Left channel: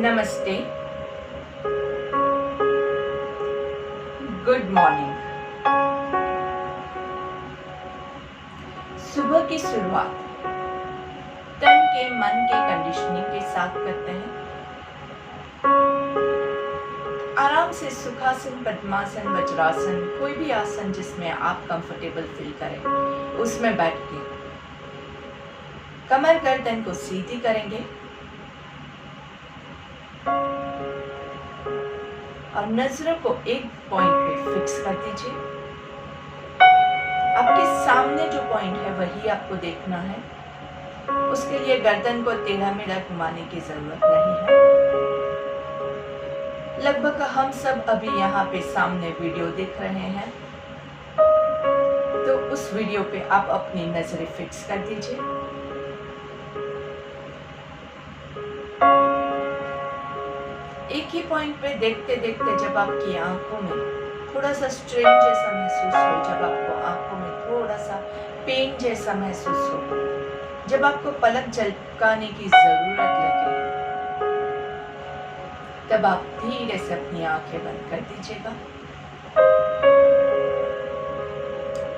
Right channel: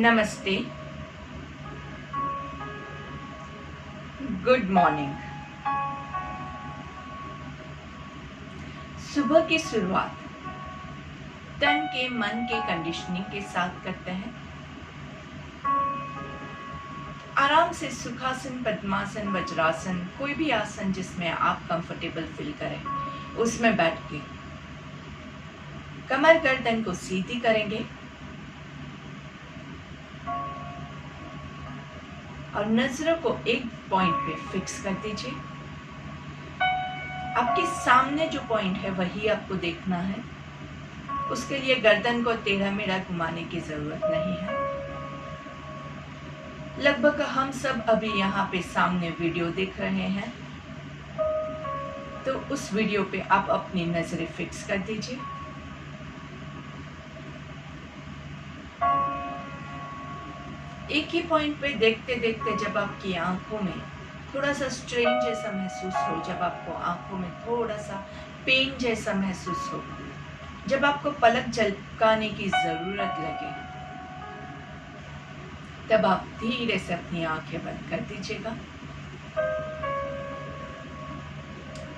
नमस्ते, good morning. सुबह की शुरुआत तन के मन के कंडीशनिंग के साथ करते हैं। आराम से सुखासन, पद्मासन, वज्रासन, कोई भी आसन जिसमें आप कंफर्टेबल फील करें उसमें बैठ के कमर गर्दन को सीधी करेंगे और नजरों को एक पॉइंट पे फिक्स कर दीजिए। आपके सामने जो पॉइंट है वही आपको देखना है। उसके लिए गर्दन को टेढ़ा मेढ़ा घुमाने की जरूरत नहीं है। लगभग हम सब अभी यहाँ पे सामने वीडियो देख रहे हैं, तो उस वीडियो पे आप अपनी नजरें फिक्स कर दीजिए। एक ही पॉइंट पे देखते देखते जब आपकी आंखों में थोड़ा सा स्ट्रेन जैसा महसूस हो, जब आपको आंखों में थोड़ा सा पेन जैसा महसूस हो, जब आपको पलक झपकाने की जरूरत लगे, तब आप धीरे से अपनी आंखें बंद कर दीजिएगा।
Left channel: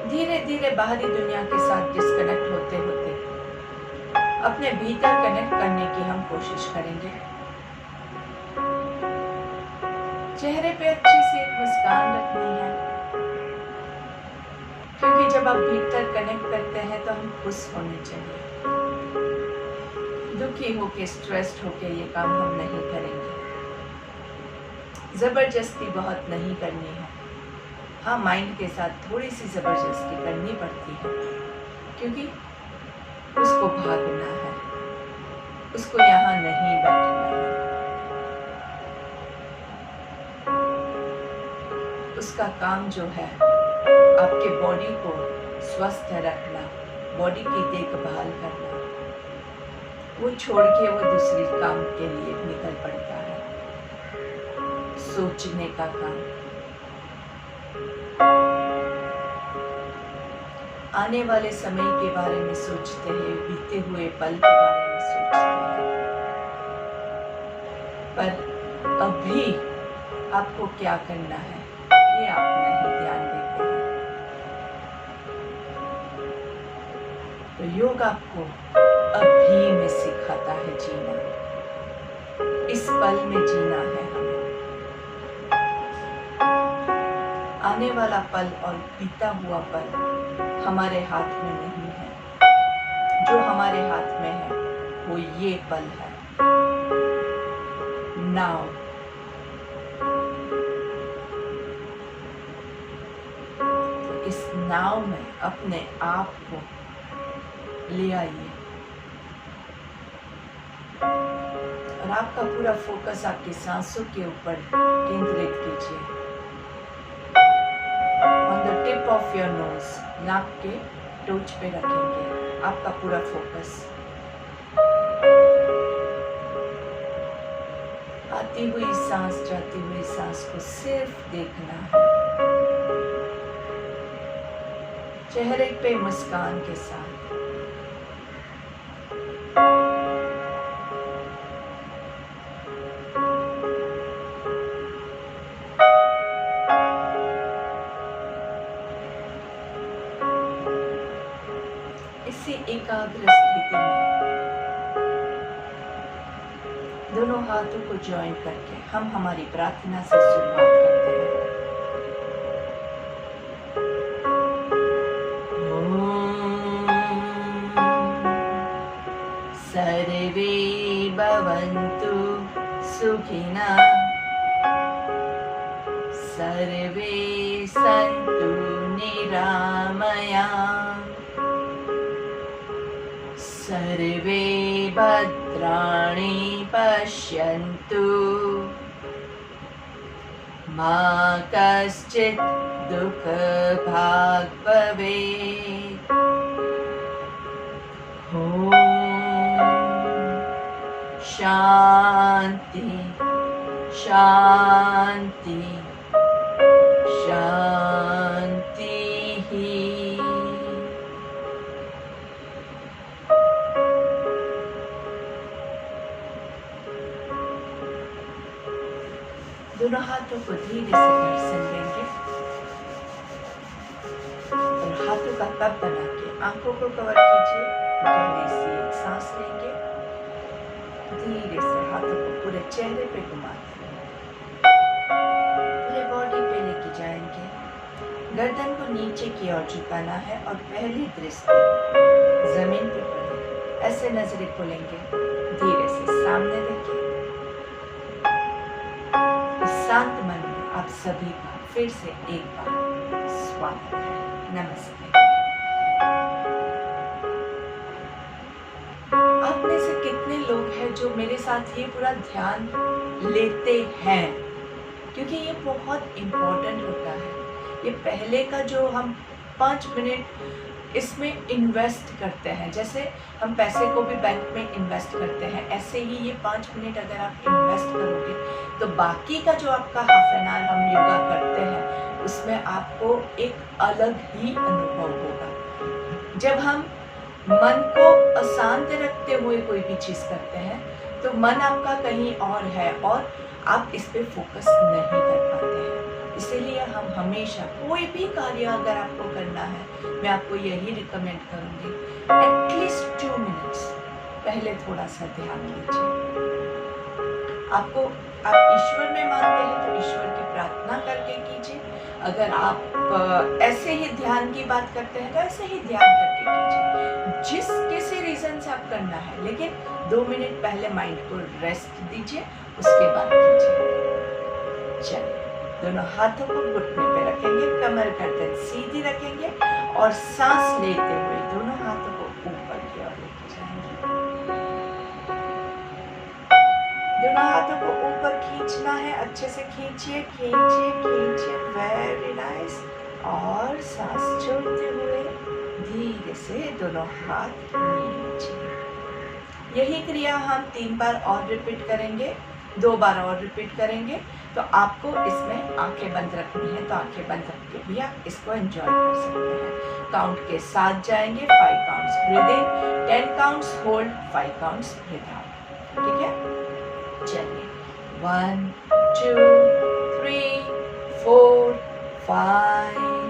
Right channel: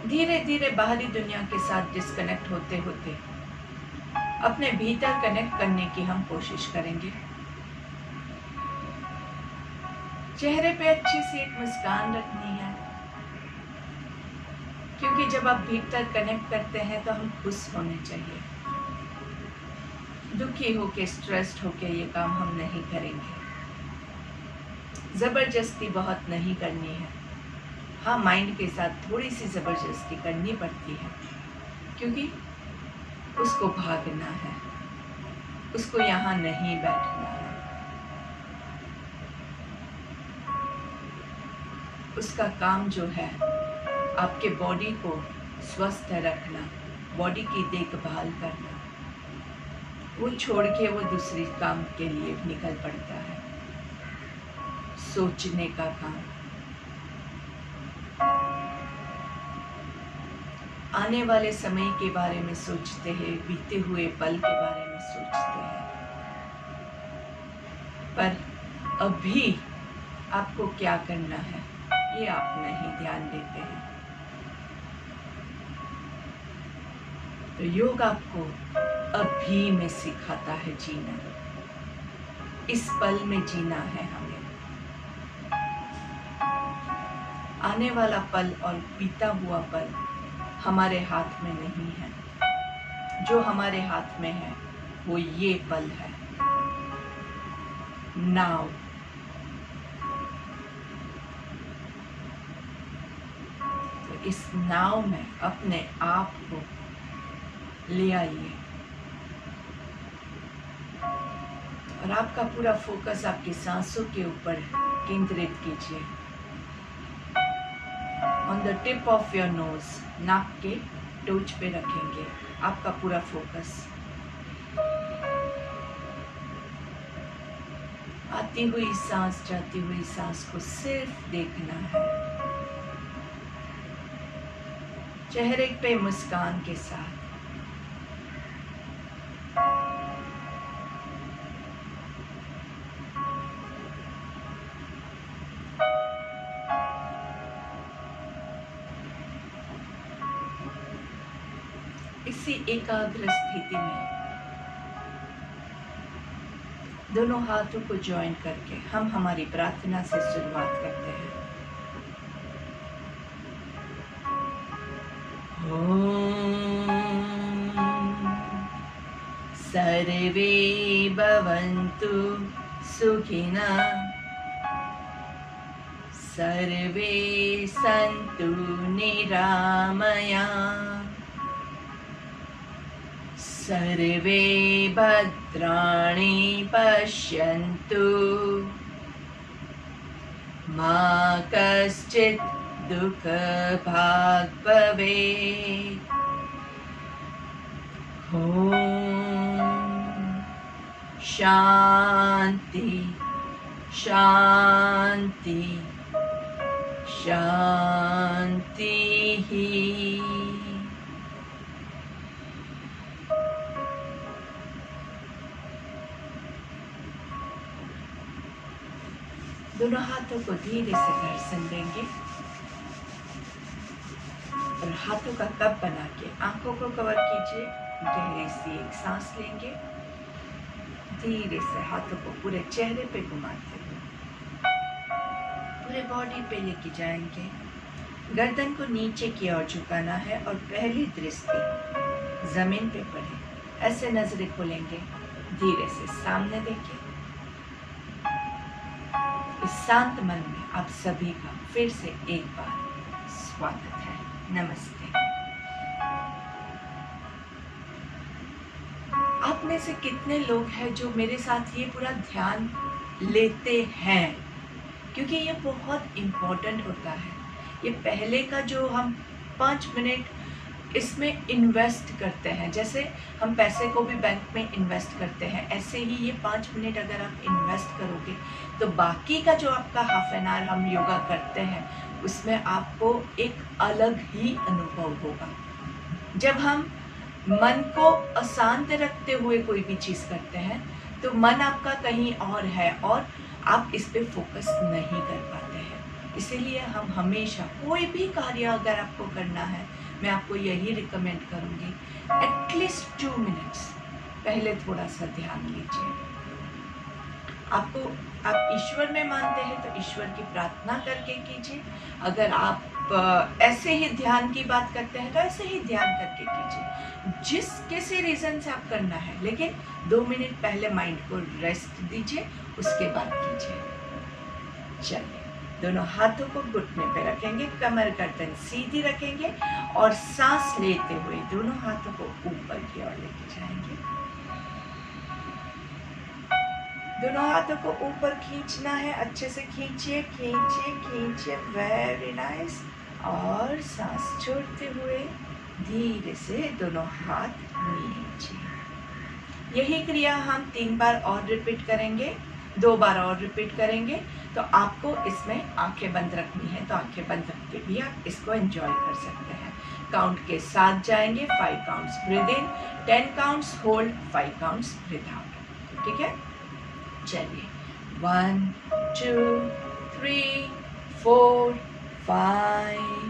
धीरे धीरे बाहरी दुनिया के साथ डिस्कनेक्ट होते होते अपने भीतर कनेक्ट करने की हम कोशिश करेंगे। चेहरे पे अच्छे से एक मुस्कान रखनी है, क्योंकि जब आप भीतर कनेक्ट करते हैं तो हम खुश होने चाहिए। दुखी होके, स्ट्रेस्ड होके ये काम हम नहीं करेंगे। जबरदस्ती बहुत नहीं करनी है। हाँ, माइंड के साथ थोड़ी सी जबरदस्ती करनी पड़ती है, क्योंकि उसको भागना है, उसको यहाँ नहीं बैठना है। उसका काम जो है आपके बॉडी को स्वस्थ रखना, बॉडी की देखभाल करना, वो छोड़ के वो दूसरी काम के लिए निकल पड़ता है। सोचने का काम, आने वाले समय के बारे में सोचते हैं, बीते हुए पल के बारे में सोचते हैं, पर अभी आपको क्या करना है ये आप नहीं ध्यान देते हैं। तो योग आपको अभी में सिखाता है जीना। इस पल में जीना है हमें। आने वाला पल और बीता हुआ पल हमारे हाथ में नहीं है। जो हमारे हाथ में है वो ये पल है, नाउ। इस नाव में अपने आप को ले आइए और आपका पूरा फोकस आपकी सांसों के ऊपर केंद्रित कीजिए। On the tip of your nose, नाक के टोच पे रखेंगे आपका पूरा फोकस। आती हुई सांस, जाती हुई सांस को सिर्फ देखना है, चेहरे पे मुस्कान के साथ। इसी एकाग्र स्थिति में दोनों हाथों को ज्वाइन करके हम हमारी प्रार्थना से शुरुआत करते हैं। सर्वे भवन्तु सुखिनः, सर्वे सन्तु निरामयाः, सर्वे भद्राणि पश्यन्तु, मा कश्चित् दुःखभाग् भवेत्। शांति शांति शांति ही। हाथों को धीरे से घर्षण देंगे और हाथों का कप बना के आंखों को कवर कीजिए। गहरी सी एक सांस लेंगे, धीरे से हाथों को पूरे चेहरे पे घुमाते हुए पूरे बॉडी पे लेके जाएंगे। गर्दन को नीचे की ओर झुकाना है और पहली दृष्टि जमीन पे पड़े। ऐसे नजरें खोलेंगे, धीरे से सामने देखिए। इस शांत मन में आप सभी का फिर से एक बार स्वागत है। नमस्ते। आप में से कितने लोग हैं जो मेरे साथ ये पूरा ध्यान लेते हैं? क्योंकि ये बहुत इम्पोर्टेंट होता है। ये पहले का जो हम 5 मिनट इसमें इन्वेस्ट करते हैं, जैसे हम पैसे को भी बैंक में इन्वेस्ट करते हैं, ऐसे ही ये 5 मिनट अगर आप इन्वेस्ट करोगे तो बाकी का जो आपका हाफ एन आवर हम योगा करते हैं उसमें आपको एक अलग ही अनुभव होगा। जब हम मन को अशांत रखते हुए कोई भी चीज़ करते हैं तो मन आपका कहीं और है और आप इस पे फोकस नहीं कर पाते हैं। इसीलिए हम हमेशा कोई भी कार्य अगर आपको करना है, मैं आपको यही रिकमेंड करूँगी, एटलीस्ट 2 मिनट्स पहले थोड़ा सा ध्यान लीजिए। आप ईश्वर में मानते हैं तो ईश्वर की प्रार्थना करके कीजिए। अगर आप ऐसे ही ध्यान की बात करते हैं तो ऐसे ही ध्यान करके कीजिए। जिस किसी रीजन से आप करना है, लेकिन 2 मिनट पहले माइंड को रेस्ट दीजिए, उसके बाद कीजिए। चलिए, दोनों हाथों को घुटने पे रखेंगे, कमर गर्दन सीधी रखेंगे और सांस लेते हुए दोनों हाथों को ऊपर की ओर लेके जाएंगे। दोनों हाथों को ऊपर खींचना है, अच्छे से खींचिए खींचिए खींचिए, वेरी नाइस। और सांस छोड़ते हुए धीरे से दोनों हाथ नीचे। यही क्रिया हम 3 बार और रिपीट करेंगे, 2 बार और रिपीट करेंगे। तो आपको इसमें आंखें बंद रखनी है तो आंखें बंद रख के भी आप इसको एंजॉय कर सकते हैं। काउंट के साथ जाएंगे, 5 counts breathe in, 10 counts hold, 5 counts breathe out. ठीक है, चलिए 1 2 3 4 5,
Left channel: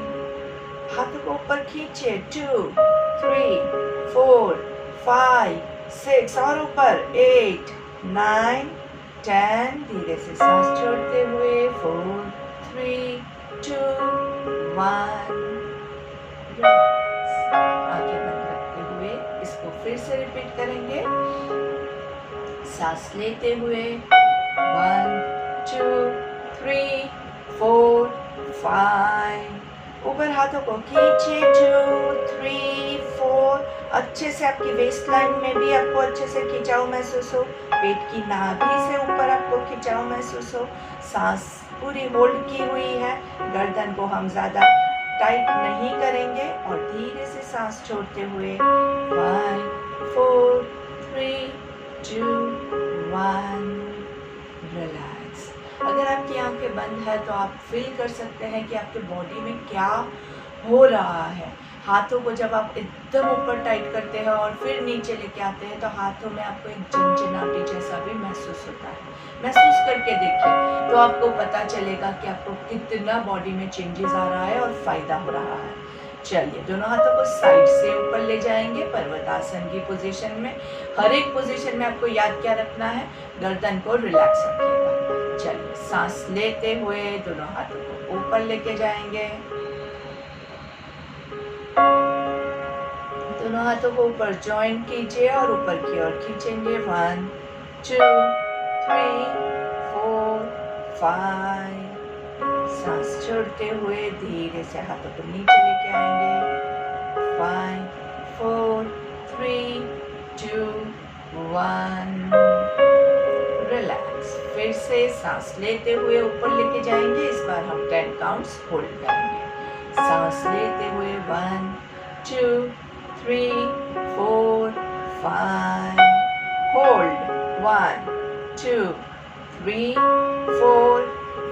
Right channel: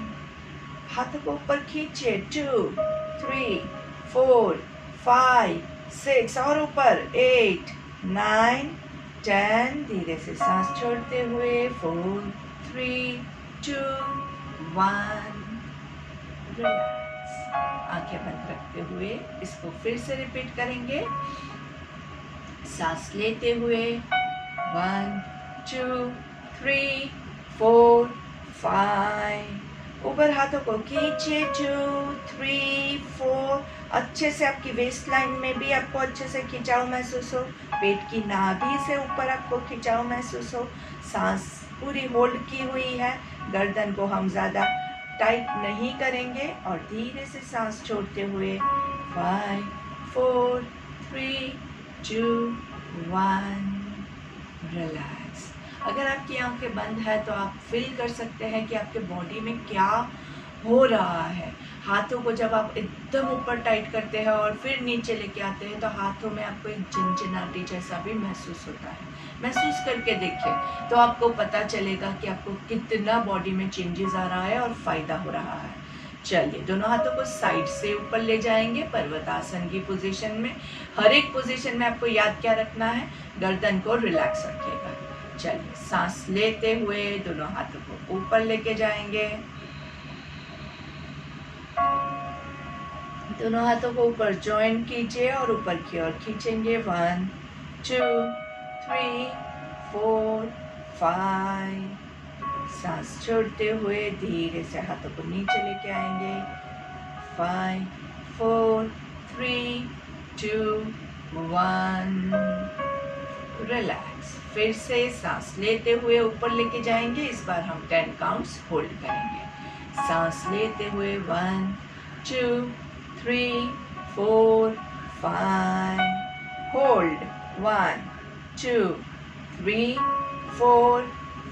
हाथों को ऊपर खींचिए, 2 3 4 5 6 और ऊपर, 8 9 10, धीरे से सांस छोड़ते हुए 4 3 2 1, रिलैक्स। आंखें बंद रखते हुए इसको फिर से रिपीट करेंगे। सांस लेते हुए 1 2 3 4 5, ऊपर हाथों को खींचे, 2 3 4, अच्छे से आपकी वेस्ट लाइन में भी आपको अच्छे से खिंचाव महसूस हो, पेट की नाभि से ऊपर आपको खिंचाव महसूस हो। सांस पूरी होल्ड की हुई है, गर्दन को हम ज़्यादा टाइट नहीं करेंगे और धीरे से सांस छोड़ते हुए 5 4 3 2 1, रिलैक्स। अगर आपकी आंखें बंद है तो आप फील कर सकते हैं कि आपके बॉडी में क्या हो रहा है। हाथों को जब आप एकदम ऊपर टाइट करते हैं और फिर नीचे लेके आते हैं तो हाथों में आपको एक झंझनाहट जैसा भी महसूस होता है। महसूस करके देखिए तो आपको पता चलेगा कि आपको कितना बॉडी में चेंजेस आ रहा है और फायदा हो रहा है। चलिए, दोनों हाथों को साइड से ऊपर ले जाएंगे पर्वतासन की पोजीशन में। हर एक पोजीशन में आपको याद क्या रखना है, गर्दन को रिलैक्स रखिएगा। चलिए, सांस लेते हुए दोनों हाथों को ऊपर लेके जाएंगे, दोनों हाथों को ऊपर जॉइन कीजिए और ऊपर की ओर खींचेंगे। 1 2 3 4 5, सांस छोड़ते हुए धीरे से हाथों को नीचे लेके आएंगे। 5 4 3 2 1, रिलैक्स। फिर से सांस लेते हुए ऊपर लेके जाएंगे। इस बार हम 10 काउंट्स होल्ड करेंगे। सांस लेते हुए 1 2 3 4 5, होल्ड 1 2 3 4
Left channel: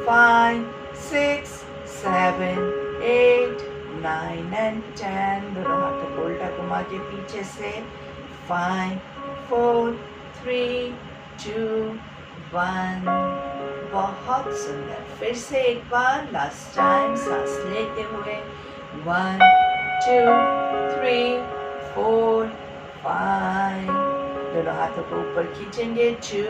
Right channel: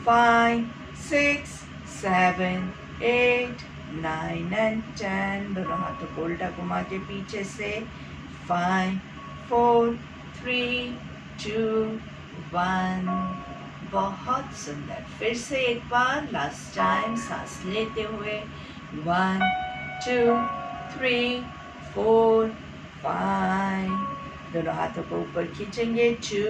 5 6 7 8 9 and 10, दोनों हाथों को उल्टा घुमा के पीछे से 5 4 3 2 1, बहुत सुंदर। फिर से एक बार लास्ट टाइम सांस लेते हुए 1 2 3 4 5, दोनों हाथों को ऊपर खींचेंगे 2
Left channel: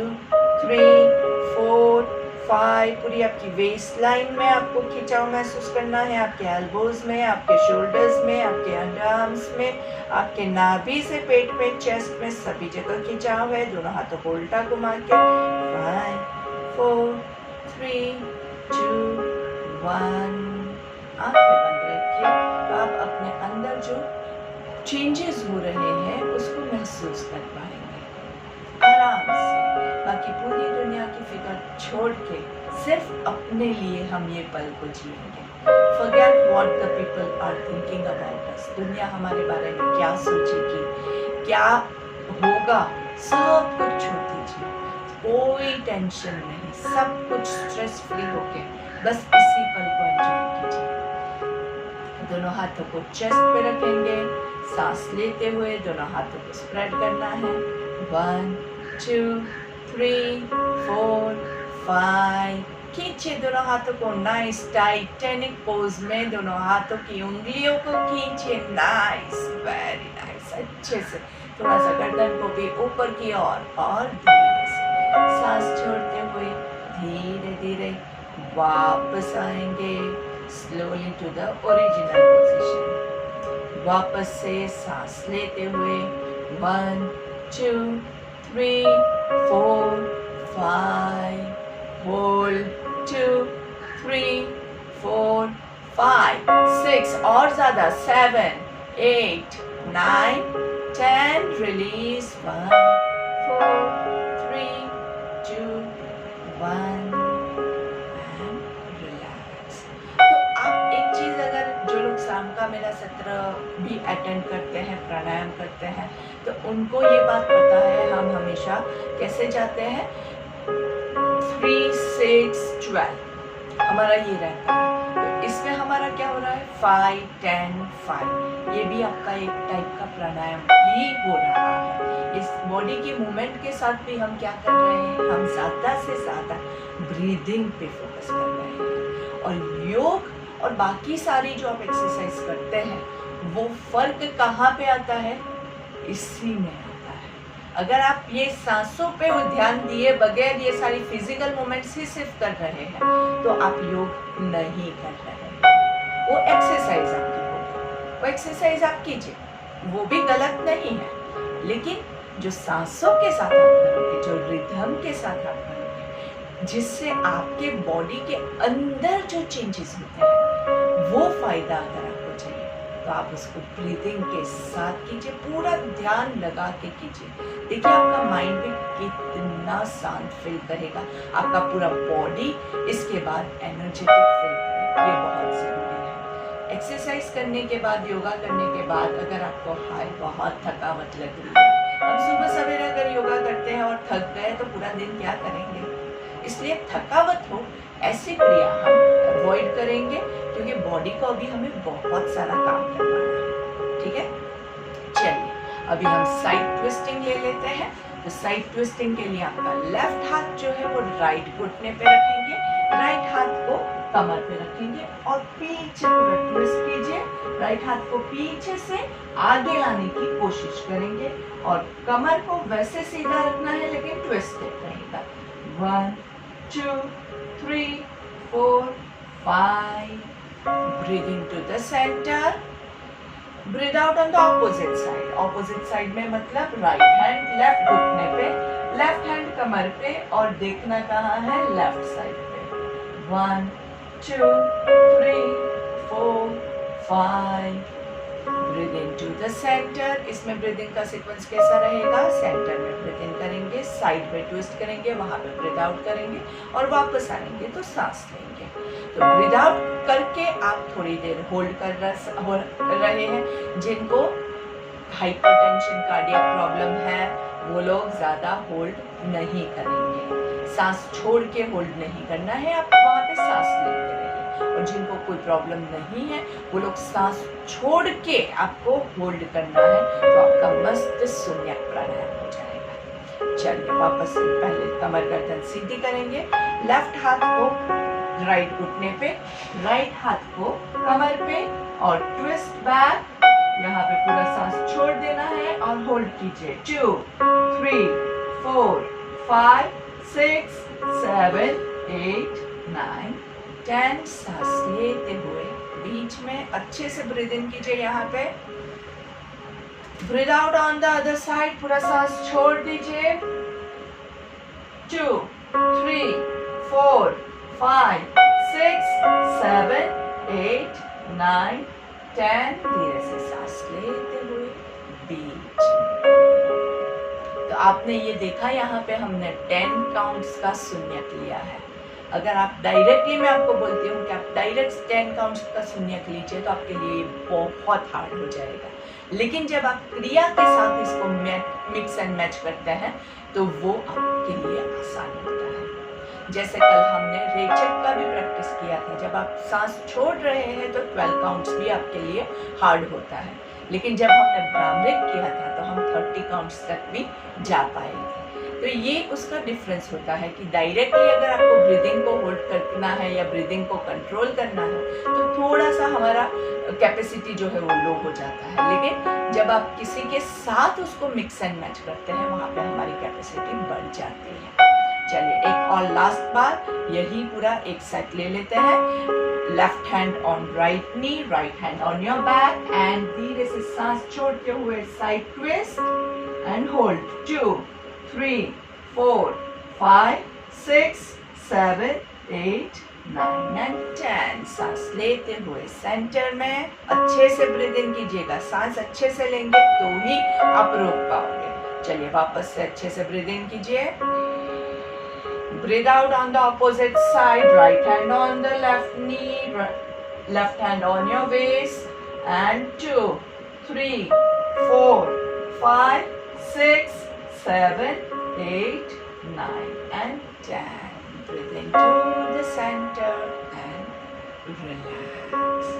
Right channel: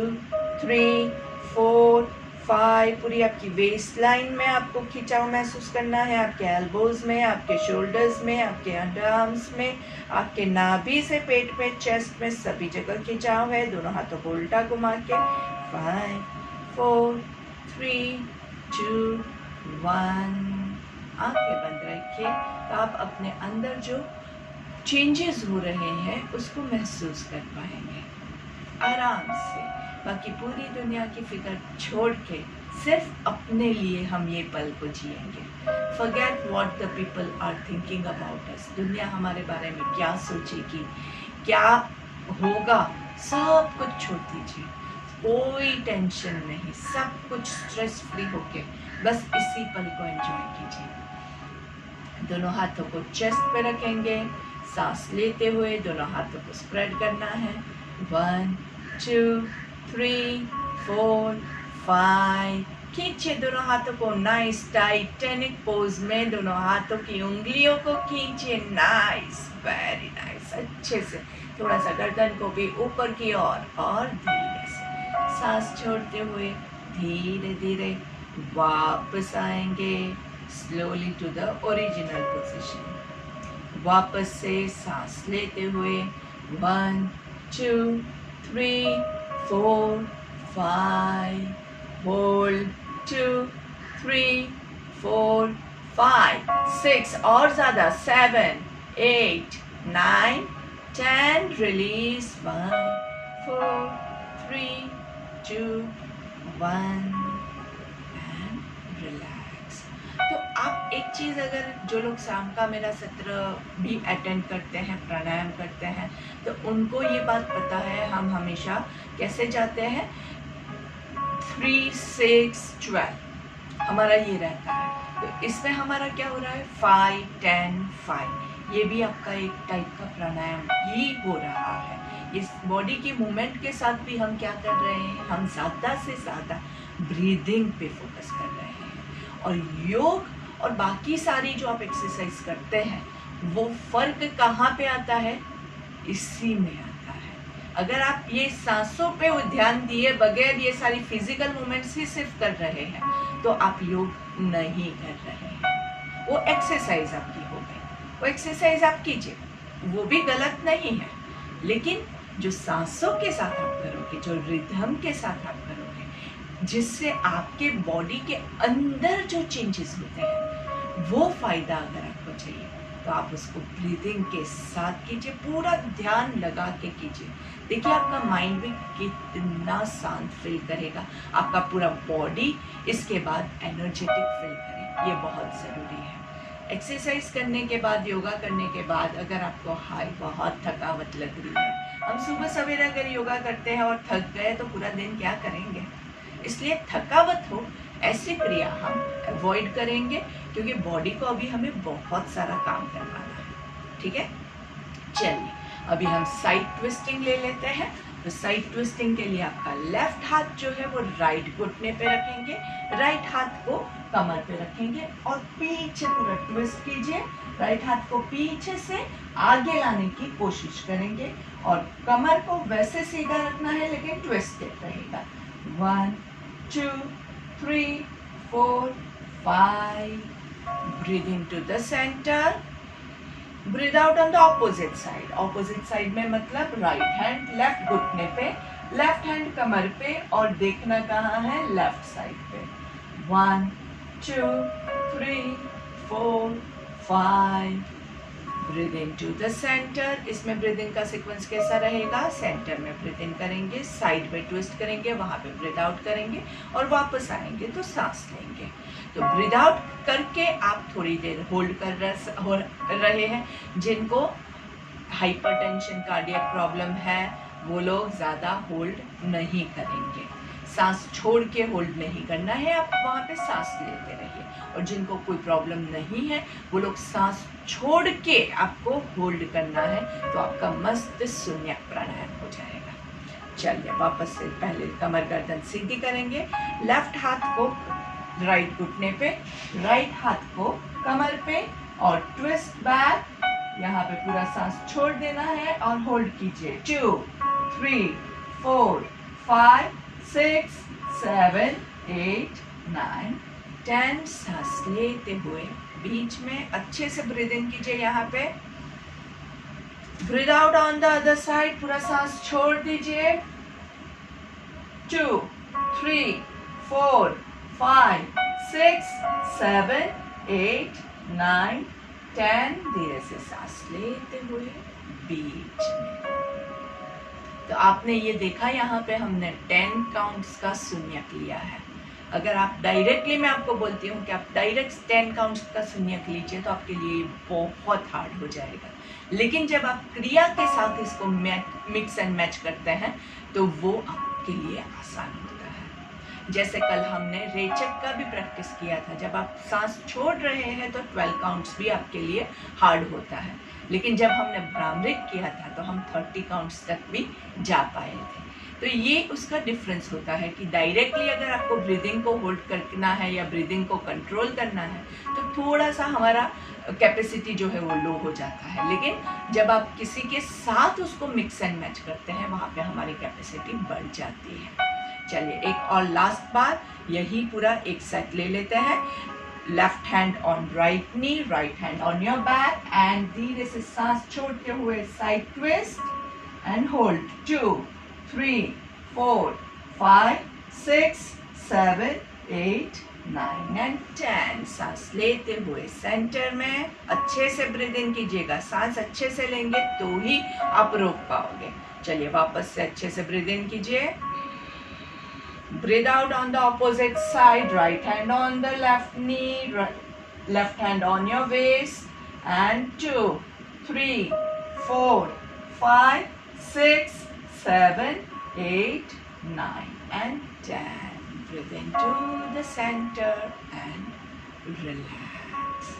3 4 5। पूरी आपकी वेस्ट लाइन में आपको खिंचाव महसूस करना है, आपके एल्बोज में, आपके शोल्डर्स में, आपके अंडर आर्म्स में, आपके नाभि से पेट में, चेस्ट में, सभी जगह खिंचाव है। दोनों हाथों को उल्टा घुमा के 5 4 3 2 1। आंखें बंद रखिए। तो आप अपने अंदर जो चेंजेस हो रहे हैं उसको महसूस कर पाएंगे आराम से। बाकी पूरी दुनिया की फिक्र छोड़ के सिर्फ अपने लिए हम ये पल को जिएंगे। Forget what the people are thinking about us। दुनिया हमारे बारे में क्या सोचेगी, क्या होगा, सब कुछ छोड़ दीजिए। कोई टेंशन नहीं, सब कुछ स्ट्रेस फ्री होके बस इसी पल को एंजॉय कीजिए। दोनों हाथों को चेस्ट पे रखेंगे, सांस लेते हुए दोनों हाथों को स्प्रेड करना है 1 2 3 4 5। खींचे दोनों हाथों को नाइस टाइटैनिक पोज में, दोनों हाथों की उंगलियों को खींचे नाइस, वेरी नाइस। अच्छे से थोड़ा सा गर्दन को भी ऊपर की ओर और धीरे से सांस छोड़ते हुए धीरे धीरे वापस आएंगे slowly to the original position. वापस से सांस लेते हुए 1 2 3 4 5। होल्ड 2 3 4 5 6 और ज्यादा 7 8 9 10। Release 1 4 3 2 1 and relax. तो आप एक चीज, अगर जो लोग शाम का मेरा सत्र भी अटेंड करते हैं, प्राणायाम करते हैं, तो उनको ये बात पता है हम हमेशा कैसे जाते हैं 3 6 12 हमारा ये रहता है। तो इसमें हमारा क्या हो रहा है 5 10 5। ये भी आपका एक टाइप का प्राणायाम ही हो रहा है। इस बॉडी की मूवमेंट के साथ भी हम क्या कर रहे हैं, हम ज्यादा से ज्यादा ब्रीदिंग पे फोकस कर रहे हैं। और योग और बाकी सारी जो आप एक्सरसाइज करते हैं वो फर्क कहाँ पे आता है, इसी में आता है। अगर आप ये सांसों पे ध्यान दिए बगैर ये सारी फिजिकल मूवमेंट्स ही सिर्फ कर रहे हैं तो आप योग नहीं कर रहे हैं। वो एक्सरसाइज आपकी होगी, वो एक्सरसाइज आप कीजिए, वो भी गलत नहीं है, लेकिन जो सांसों के साथ आप करोगे, जो रिदम के साथ आप करोगे, जिससे आपके बॉडी के अंदर जो चेंजेस होते हैं वो फायदा अगर आपको चाहिए तो आप उसको ब्रीदिंग के साथ कीजिए, पूरा ध्यान लगा के कीजिए। देखिए आपका माइंड भी कितना शांत फील करेगा, आपका पूरा बॉडी इसके बाद एनर्जेटिक फील करेगा। ये बहुत ज़रूरी है। एक्सरसाइज करने के बाद, योगा करने के बाद अगर आपको बहुत थकावट लग रही है, हम सुबह सवेरे अगर योगा करते हैं और थक गए तो पूरा दिन क्या करेंगे। इसलिए थकावट हो ऐसी क्रिया हम अवॉइड करेंगे, क्योंकि बॉडी को अभी हमें बहुत सारा काम करवाना है। ठीक है, चलिए अभी हम साइड ट्विस्टिंग ले लेते हैं। तो साइड ट्विस्टिंग के लिए आपका लेफ्ट हाथ जो है वो राइट घुटने पे रखेंगे, राइट हाथ को कमर पे रखेंगे और पीछे पूरा ट्विस्ट कीजिए। राइट हाथ को पीछे से आगे लाने की कोशिश करेंगे और कमर को वैसे सीधा रखना है लेकिन ट्विस्टेड रहेगा। 1 2 3 4 5। Breathing to the center. Breathe out on the opposite side. Opposite side में मतलब right hand left घुटने पे, left hand कमर पे और देखना कहाँ है, left side पे। 1 2 3 4 5। Breathe into the center. इसमें ब्रीदिंग का सीक्वेंस कैसा रहेगा, सेंटर में ब्रीथ इन करेंगे, साइड में ट्विस्ट करेंगे, वहां पे ब्रीथ आउट करेंगे और वापस आएंगे तो सांस लेंगे। तो ब्रीथ आउट करके आप थोड़ी देर होल्ड कर रहे हैं। जिनको हाइपरटेंशन, कार्डियक प्रॉब्लम है वो लोग ज्यादा होल्ड नहीं करेंगे। सांस छोड़ के होल्ड नहीं करना है, आप वहां पे सांस लेते रहिए। और जिनको कोई प्रॉब्लम नहीं है वो लोग सांस छोड़ के आपको होल्ड करना है, तो आपका मस्त शून्य प्राणायाम हो जाएगा। चलिए वापस से पहले कमर गर्दन सीधी करेंगे, लेफ्ट हाथ को राइट घुटने पे, राइट हाथ को कमर पे और ट्विस्ट बैक। यहाँ पे पूरा सांस छोड़ देना है और होल्ड कीजिए। 2 3 4 5 6 7 8 9 10। सांस लेते हुए बीच में अच्छे से ब्रीद इन कीजिए। यहाँ पे breathe out on the other side, पूरा सांस छोड़ दीजिए। 2 3 4 5 6 7 8 9 10। धीरे से सांस लेते हुए बीच में। तो आपने ये देखा, यहाँ पे हमने 10 काउंट्स का शून्यक लिया है। अगर आप डायरेक्टली, मैं आपको बोलती हूँ कि आप डायरेक्ट 10 काउंट्स का शून्यक लीजिए तो आपके लिए बहुत हार्ड हो जाएगा। लेकिन जब आप क्रिया के साथ इसको मिक्स एंड मैच करते हैं तो वो आपके लिए आसान होता है। जैसे कल हमने रेचक का भी प्रैक्टिस किया था। जब आप सांस छोड़ रहे हैं तो 12 काउंट्स भी आपके लिए हार्ड होता है, लेकिन जब हमने भ्रामरिक किया था तो हम 30 काउंट्स तक भी जा पाए थे। तो ये उसका डिफरेंस होता है कि डायरेक्टली अगर आपको ब्रीदिंग को होल्ड करना है या ब्रीदिंग को कंट्रोल करना है तो थोड़ा सा हमारा कैपेसिटी जो है वो लो हो जाता है, लेकिन जब आप किसी के साथ उसको मिक्स एंड मैच करते हैं वहाँ पे हमारी कैपेसिटी बढ़ जाती है। चलिए एक और लास्ट बार यही पूरा एक सेट ले लेते हैं। Left hand on right knee, right hand on your back and धीरे से सांस छोड़ते हुए side twist and hold. 2 3 4 5 6 7 8 9 and 10। सांस लेते हुए सेंटर में अच्छे से ब्रीद इन कीजिएगा। सांस अच्छे से लेंगे तो ही आप रोक पाओगे। चलिए वापस से अच्छे से ब्रीद इन कीजिए। Breathe out on the opposite side. Right hand on the left knee, left hand on your waist. And 2 3 4 5 6 7 8 9 and 10. Breathe into the center and relax.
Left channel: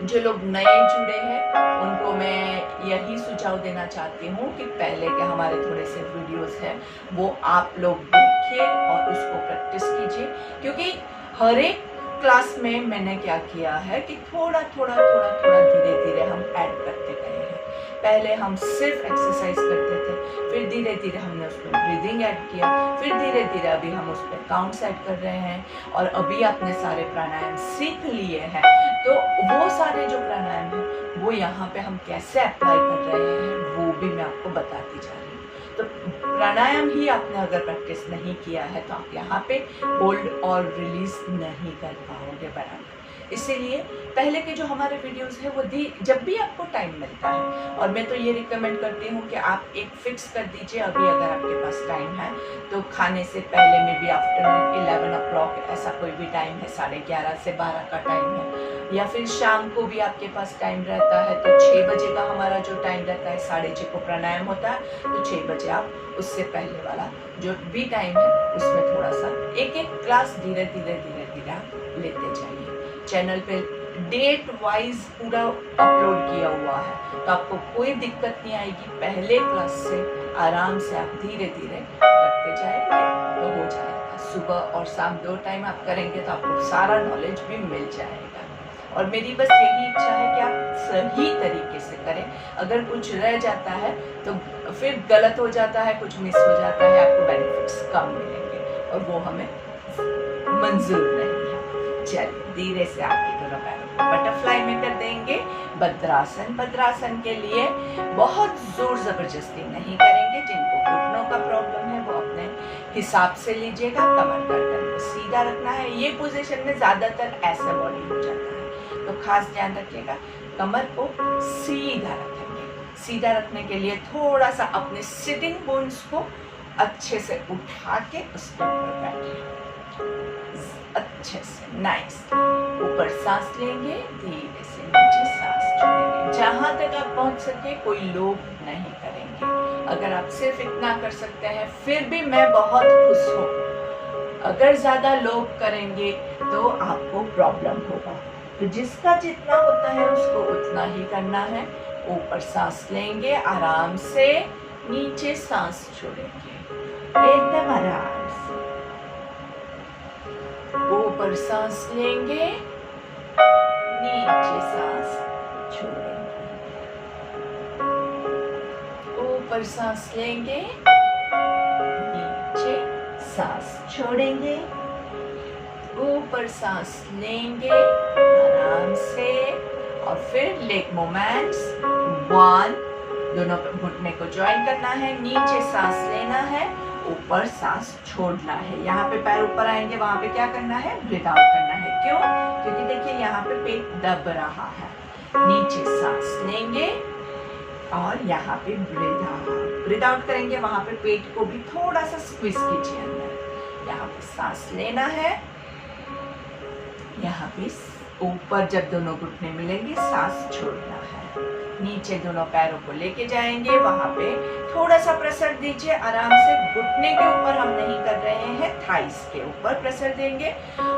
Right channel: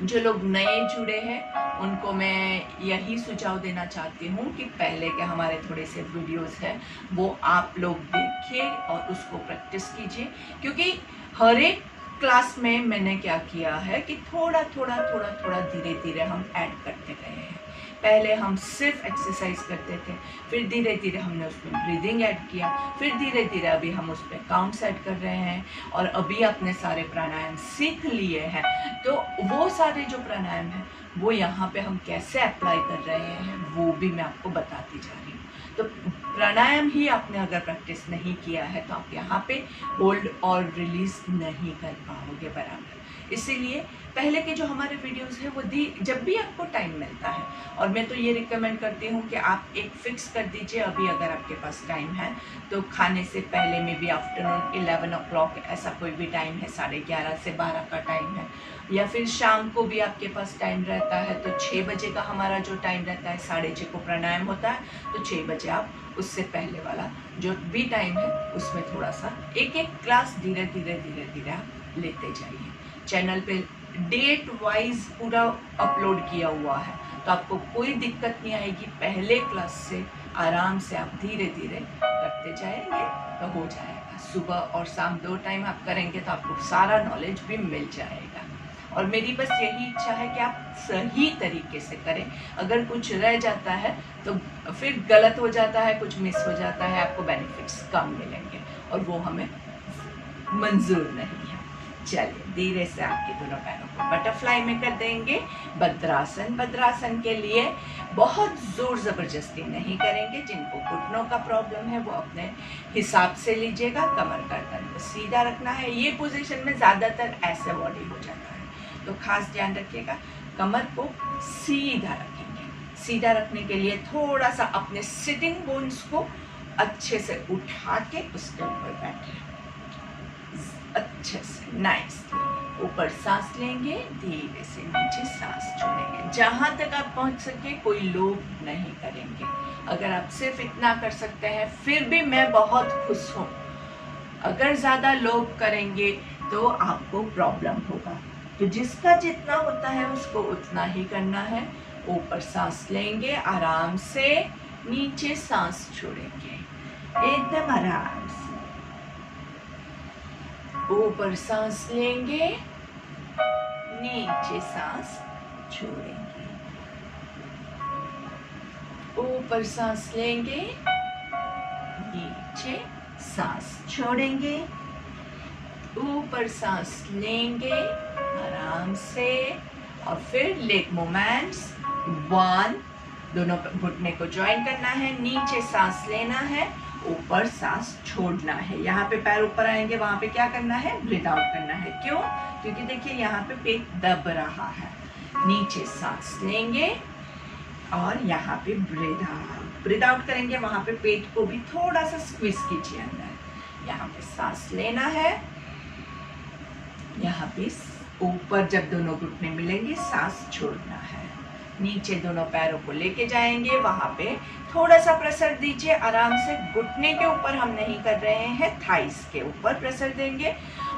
जो लोग नए जुड़े हैं उनको मैं यही सुझाव देना चाहती हूँ कि पहले के हमारे थोड़े से वीडियोस हैं वो आप लोग देखिए और उसको प्रैक्टिस कीजिए, क्योंकि हर एक क्लास में मैंने क्या किया है कि थोड़ा थोड़ा धीरे धीरे हम ऐड करते गए हैं। पहले हम सिर्फ एक्सरसाइज करते थे, फिर धीरे धीरे हमने उसमें ब्रीदिंग ऐड किया, फिर धीरे धीरे अभी हम उसमें काउंट्स ऐड कर रहे हैं और अभी आपने सारे प्राणायाम सीख लिए हैं। तो वो सारे जो प्राणायाम हैं वो यहाँ पे हम कैसे अप्लाई कर रहे हैं वो भी मैं आपको बताती जा रही हूँ। तो प्राणायाम ही आपने अगर प्रैक्टिस नहीं किया है तो आप यहाँ पे होल्ड और रिलीज नहीं कर पाओगे बराबर। इसीलिए पहले के जो हमारे वीडियोस हैं वो जब भी आपको टाइम मिलता है, और मैं तो ये रिकमेंड करती हूँ कि आप एक फिक्स कर दीजिए अभी अगर आपके पास टाइम है तो खाने से पहले में भी आफ्टरनून 11 o'clock ऐसा कोई भी टाइम है, 11:30 से 12 का टाइम है, या फिर शाम को भी आपके पास टाइम रहता है तो 6 बजे का हमारा जो टाइम रहता है, 6:30 को प्राणायाम होता है तो 6 बजे आप उससे पहले वाला जो भी टाइम है उसमें थोड़ा सा एक क्लास धीरे धीरे आप लेते जाइए। चैनल पे डेट वाइज पूरा अपलोड किया हुआ है तो आपको कोई दिक्कत नहीं आएगी। पहले क्लास से आराम से आप धीरे धीरे करते जाएंगे तो हो जाएगा। सुबह और शाम 2 टाइम आप करेंगे तो आपको सारा नॉलेज भी मिल जाएगा। और मेरी बस यही इच्छा है कि आप सही तरीके से करें। अगर कुछ रह जाता है तो फिर गलत हो जाता है, कुछ मिस हो जाता है, आपको बेनिफिट्स कम मिलेंगे और वो हमें मंजूर नहीं है। चलिए धीरे से आपके दोनों पैरों को बटरफ्लाई में कर देंगे। भद्रासन के लिए बहुत जोर जबरदस्ती नहीं करेंगे। जिनको घुटनों का प्रॉब्लम है वो अपने हिसाब से लीजिएगा। कमर गर्दन को सीधा रखना है। ये पोजीशन में ज्यादातर ऐसे बॉडी हो जाता है तो खास ध्यान रखिएगा। कमर को सीधा रखेंगे। सीधा रखने के लिए थोड़ा सा अपने सिटिंग बोन्स को अच्छे से उठा के उसके ऊपर बैठे अच्छे से नाइस। ऊपर सांस लेंगे, धीरे से नीचे सांस छोड़ेंगे। जहां तक आप पहुंच सके कोई लोभ नहीं करेंगे। अगर आप सिर्फ इतना कर सकते हैं फिर भी मैं बहुत खुश हूँ। अगर ज्यादा लोभ करेंगे तो आपको प्रॉब्लम होगा। तो जिसका जितना होता है उसको उतना ही करना है। ऊपर सांस लेंगे आराम से, नीचे सांस छोड़ेंगे एकदम आराम से। ऊपर सांस लेंगे, नीचे सांस छोड़ेंगे। ऊपर सांस लेंगे, नीचे सांस छोड़ेंगे। ऊपर सांस लेंगे आराम से और फिर लेग मूवमेंट्स। 1, दोनों घुटने को ज्वाइन करना है, नीचे सांस लेना है, ऊपर सांस छोड़ना है। यहाँ पे पैर ऊपर आएंगे, वहां पे क्या करना है, ब्रीथ आउट करना है। क्यों? क्योंकि देखिए यहाँ पे पेट दब रहा है। नीचे सांस लेंगे और यहाँ पे ब्रीथ आउट करेंगे, वहां पे पेट को भी थोड़ा सा स्क्वीज कीजिए अंदर। यहाँ पे सांस लेना है, यहाँ पे ऊपर जब दोनों घुटने मिलेंगे सांस छोड़ना है। नीचे दोनों पैरों को लेके जाएंगे, वहां पे थोड़ा सा प्रेशर दीजिए आराम से। घुटने के ऊपर हम नहीं कर रहे हैं, थाइस के ऊपर प्रेशर देंगे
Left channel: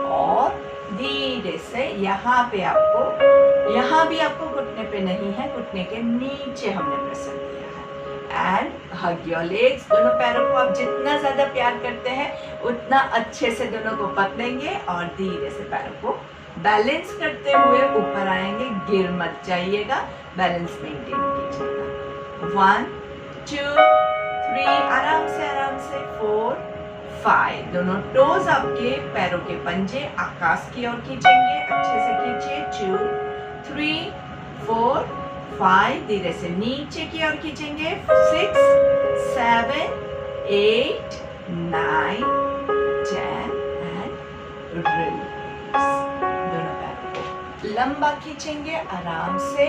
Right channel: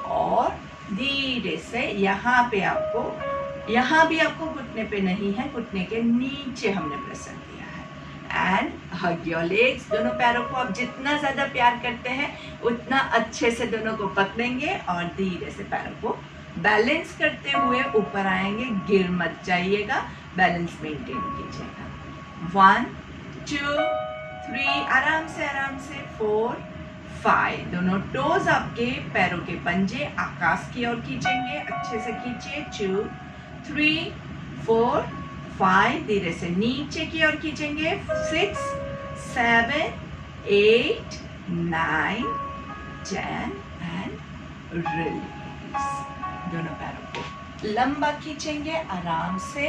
और धीरे से यहाँ पे आपको, यहाँ भी आपको घुटने पे नहीं है, घुटने के नीचे हमने प्रेशर दिया है। And hug your legs. दोनों पैरों को आप जितना ज्यादा प्यार करते हैं उतना अच्छे से दोनों को पकड़ेंगे और धीरे से पैरों को बैलेंस करते हुए ऊपर आएंगे। गिर मत जाइएगा, बैलेंस मेंटेन कीजिएगा। 1 2 3, आराम से 4 5। दोनों टोज आपके पैरों के पंजे आकाश की ओर खींचेंगे, अच्छे से खींचिए। 2 3 4 5, धीरे से नीचे की ओर खींचेंगे। 6 7 8 9 10 एंड रिलीज। दोनों पैरों को लंबा खींचेंगे आराम से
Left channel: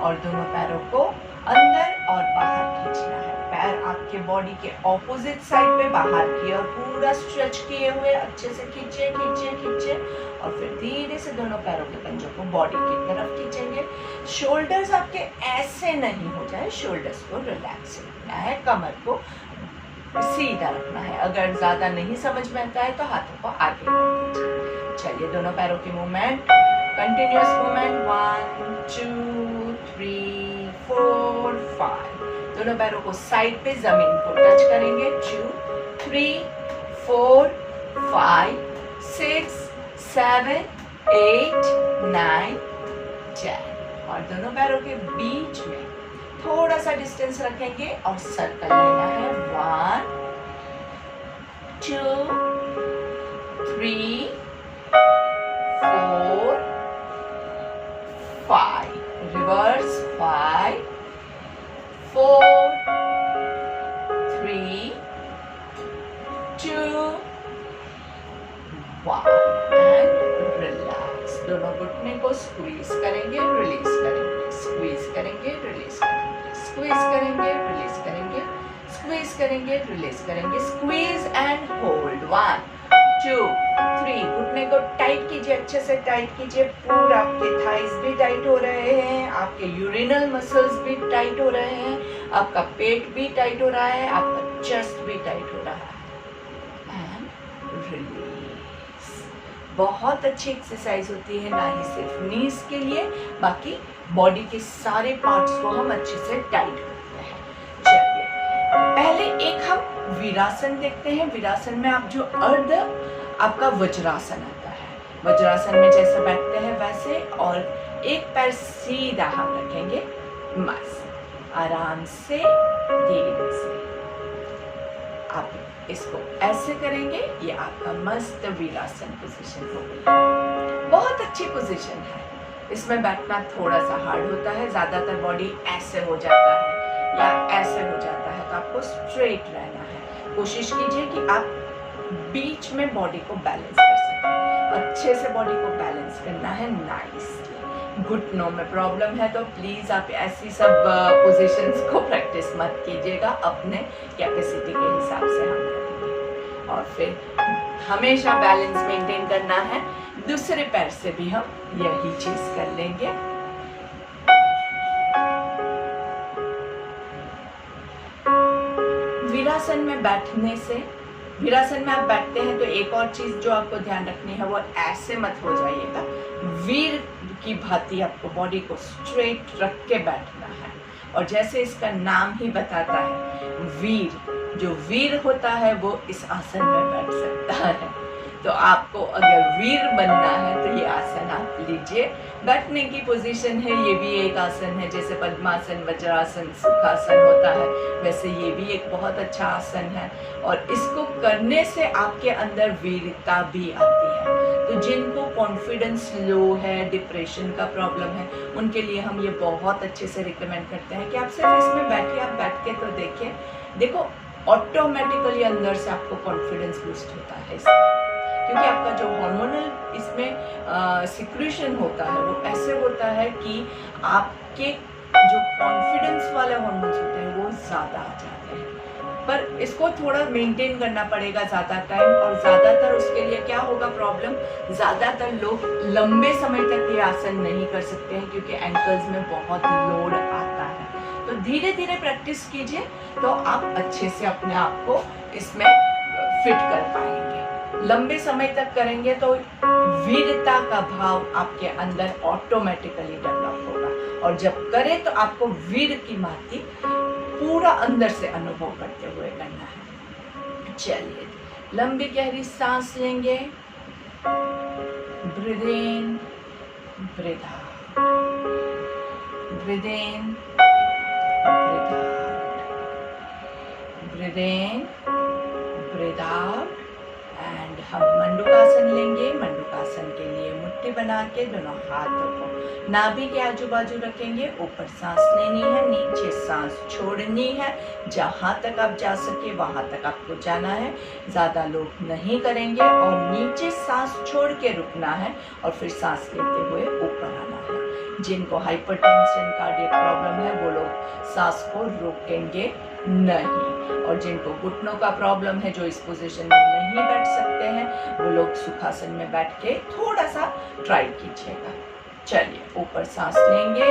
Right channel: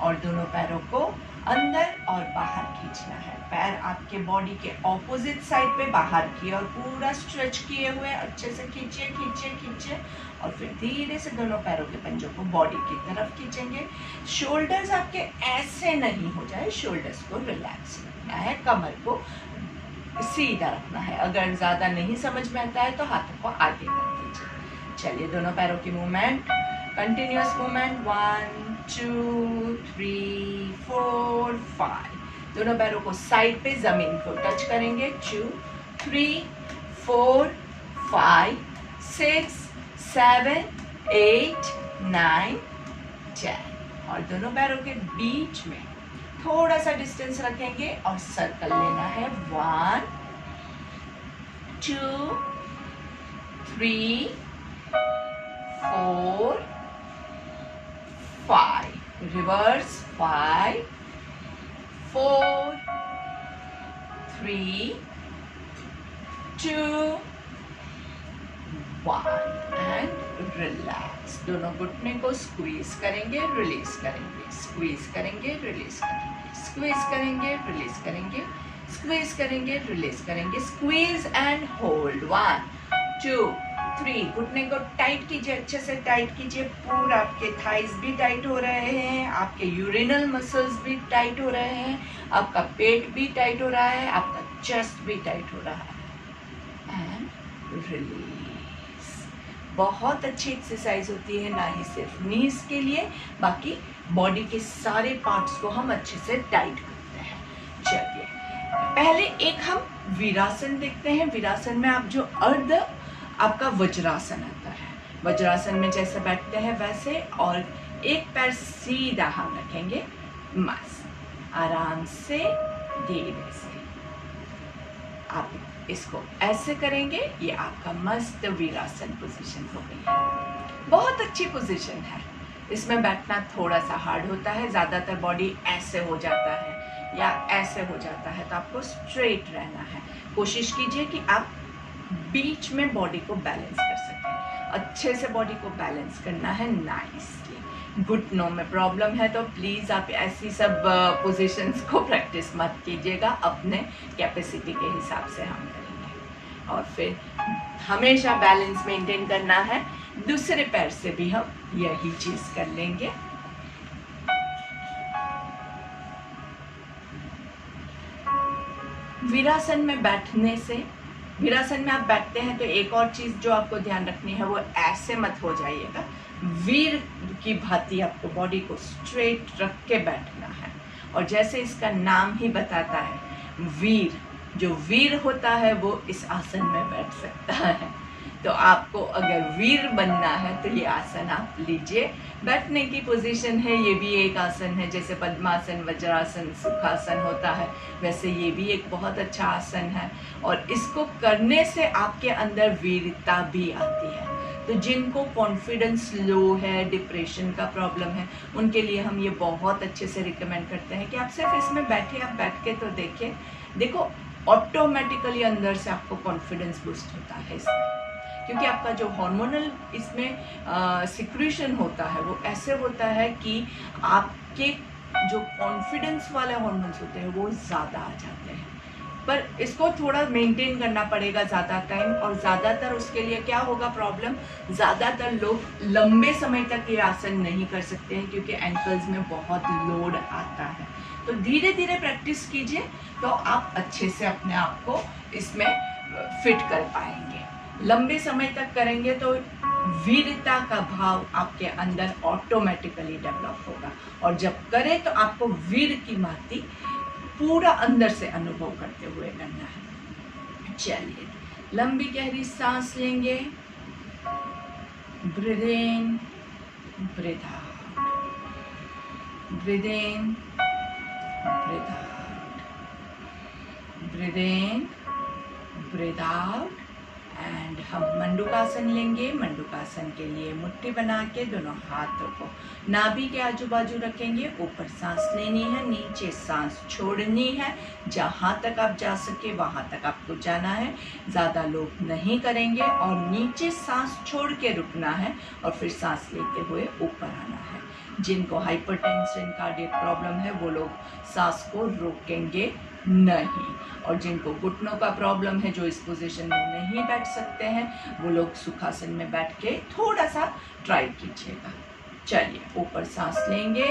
और दोनों पैरों को अंदर और बाहर खींचना है। पैर आपके बॉडी के ऑपोजिट साइड पे बाहर की और पूरा स्ट्रेच किए हुए अच्छे से खींचिए खींचिए खींचिए और फिर धीरे से दोनों पैरों के पंजों को बॉडी की तरफ खींचेंगे। शोल्डर्स आपके ऐसे नहीं हो जाए, शोल्डर्स को रिलैक्स रखना है, कमर को सीधा रखना है। अगर ज्यादा नहीं समझ में आता है तो हाथों को आगे कर दीजिए। चलिए दोनों पैरों की मूवमेंट, कंटिन्यूअस मूवमेंट। 1 2 3 4 5। दोनों पैरों को साइड पे जमीन को टच करेंगे। 2 3 4 5 6 7 8 9 10। और दोनों पैरों के बीच में थोड़ा सा डिस्टेंस रखेंगे और सर्कल लेना है। 1 2 3 4 5। रिवर्स। 5 4 3 2 1 and relax. दोनों घुटने को स्क्वीज करेंगे, रिलीज करेंगे, स्क्वीज करेंगे, रिलीज करेंगे, स्क्वीज करेंगे, रिलीज करेंगे, स्क्वीज करेंगे, रिलीज करेंगे, स्क्वीज एंड होल्ड। 1 2 3। घुटने को टाइट कीजिए, अच्छे से टाइट कीजिए। पूरा आपके थाइस भी टाइट हो रहे हैं, आपके यूरिनल मसल्स भी टाइट हो रहे हैं, आपका पेट भी टाइट हो रहा है, आपका चेस्ट भी टाइट हो रहा है। And release. बहुत अच्छी एक्सरसाइज होती है, ना ही सिर्फ नीज के लिए, बाकी बॉडी के सारे पार्ट्स को हम अच्छे से टाइट करते हैं। चलिए पहले एक हम वीरासन देखते हैं। वीरासन में आप जो अर्ध आपका वज्रासन आता है, वज्रासन में जैसे बैठते हैं वैसे, और एक पैर सीधा हम रखेंगे, मस्त आराम से धीरे से आप इसको ऐसे करेंगे। ये आपका मस्त वीरासन पोजीशन हो गई है। बहुत अच्छी पोजीशन है। इसमें बैठना थोड़ा सा हार्ड होता है, ज्यादातर बॉडी ऐसे हो जाता है या ऐसे हो जाता है, तो आपको स्ट्रेट रहना है। कोशिश कीजिए कि आप बीच में बॉडी को बैलेंस कर सकें। अच्छे से बॉडी को बैलेंस करना है नाइसली। घुटनों में प्रॉब्लम है तो प्लीज आप ऐसी सब पोजीशंस को प्रैक्टिस मत कीजिएगा, अपने कैपेसिटी के हिसाब से हम करेंगे। और फिर हमेशा बैलेंस मेंटेन करना है। दूसरे पैर से भी हम यही चीज कर लेंगे। वीरासन में बैठने से, वीरासन में आप बैठते हैं तो एक और चीज जो आपको ध्यान रखनी है, वो ऐसे मत हो जाइएगा। वीर की भांति आपको बॉडी को स्ट्रेट रख के बैठना है। और जैसे इसका नाम ही बताता है, वीर, जो वीर होता है वो इस आसन में बैठ सकता है। तो आपको अगर वीर बनना है तो ये आसन आप लीजिए। बैठने की पोजीशन है, ये भी एक आसन है। जैसे पद्मासन, वज्रासन, सुखासन होता है, वैसे ये भी एक बहुत अच्छा आसन है। और इसको करने से आपके अंदर वीरता भी आती है। तो जिनको कॉन्फिडेंस लो है, डिप्रेशन का प्रॉब्लम है, उनके लिए हम ये बहुत अच्छे से रिकमेंड करते हैं कि आप सिर्फ इसमें बैठिए। आप बैठ के तो देखिए, देखो ऑटोमेटिकली अंदर से आपको कॉन्फिडेंस बूस्ट होता है इसमें, क्योंकि आपका जो हार्मोनल इसमें सिक्रेशन होता है वो ऐसे होता है कि आपके जो कॉन्फिडेंस वाले हार्मोन्स होते हैं वो ज़्यादा आ जाते हैं। पर इसको थोड़ा मेंटेन करना पड़ेगा ज़्यादा टाइम। और ज़्यादातर उसके लिए क्या होगा प्रॉब्लम, ज़्यादातर लोग लंबे समय तक ये आसन नहीं कर सकते हैं क्योंकि एंकल्स में बहुत लोड आता है। तो धीरे धीरे प्रैक्टिस कीजिए तो आप अच्छे से अपने आप को इसमें फिट कर पाएंगे। लंबे समय तक करेंगे तो वीरता का भाव आपके अंदर ऑटोमेटिकली डेवलप होगा। और जब करें तो आपको वीर की भांति पूरा अंदर से अनुभव करते हुए करना है। चलिए, लंबी गहरी सांस लेंगे। Breathe in, breathe out, breathe in, breathe out, breathe in, breathe out. And हम मंडूकासन लेंगे। मंडूकासन के लिए मुट्ठी बना के दोनों हाथों को नाभि के आजू बाजू रखेंगे। ऊपर सांस लेनी है, नीचे सांस छोड़नी है। जहाँ तक आप जा सके वहाँ तक आपको जाना है, ज़्यादा लोग नहीं करेंगे। और नीचे सांस छोड़ के रुकना है और फिर सांस लेते हुए ऊपर आना है। जिनको हाइपरटेंशन, कार्डियक प्रॉब्लम है वो लोग सांस को रोकेंगे नहीं। और जिनको घुटनों का प्रॉब्लम है, जो इस पोजीशन में नहीं बैठ सकते हैं, वो लोग सुखासन में बैठ के थोड़ा सा ट्राई कीजिएगा। चलिए, ऊपर सांस लेंगे,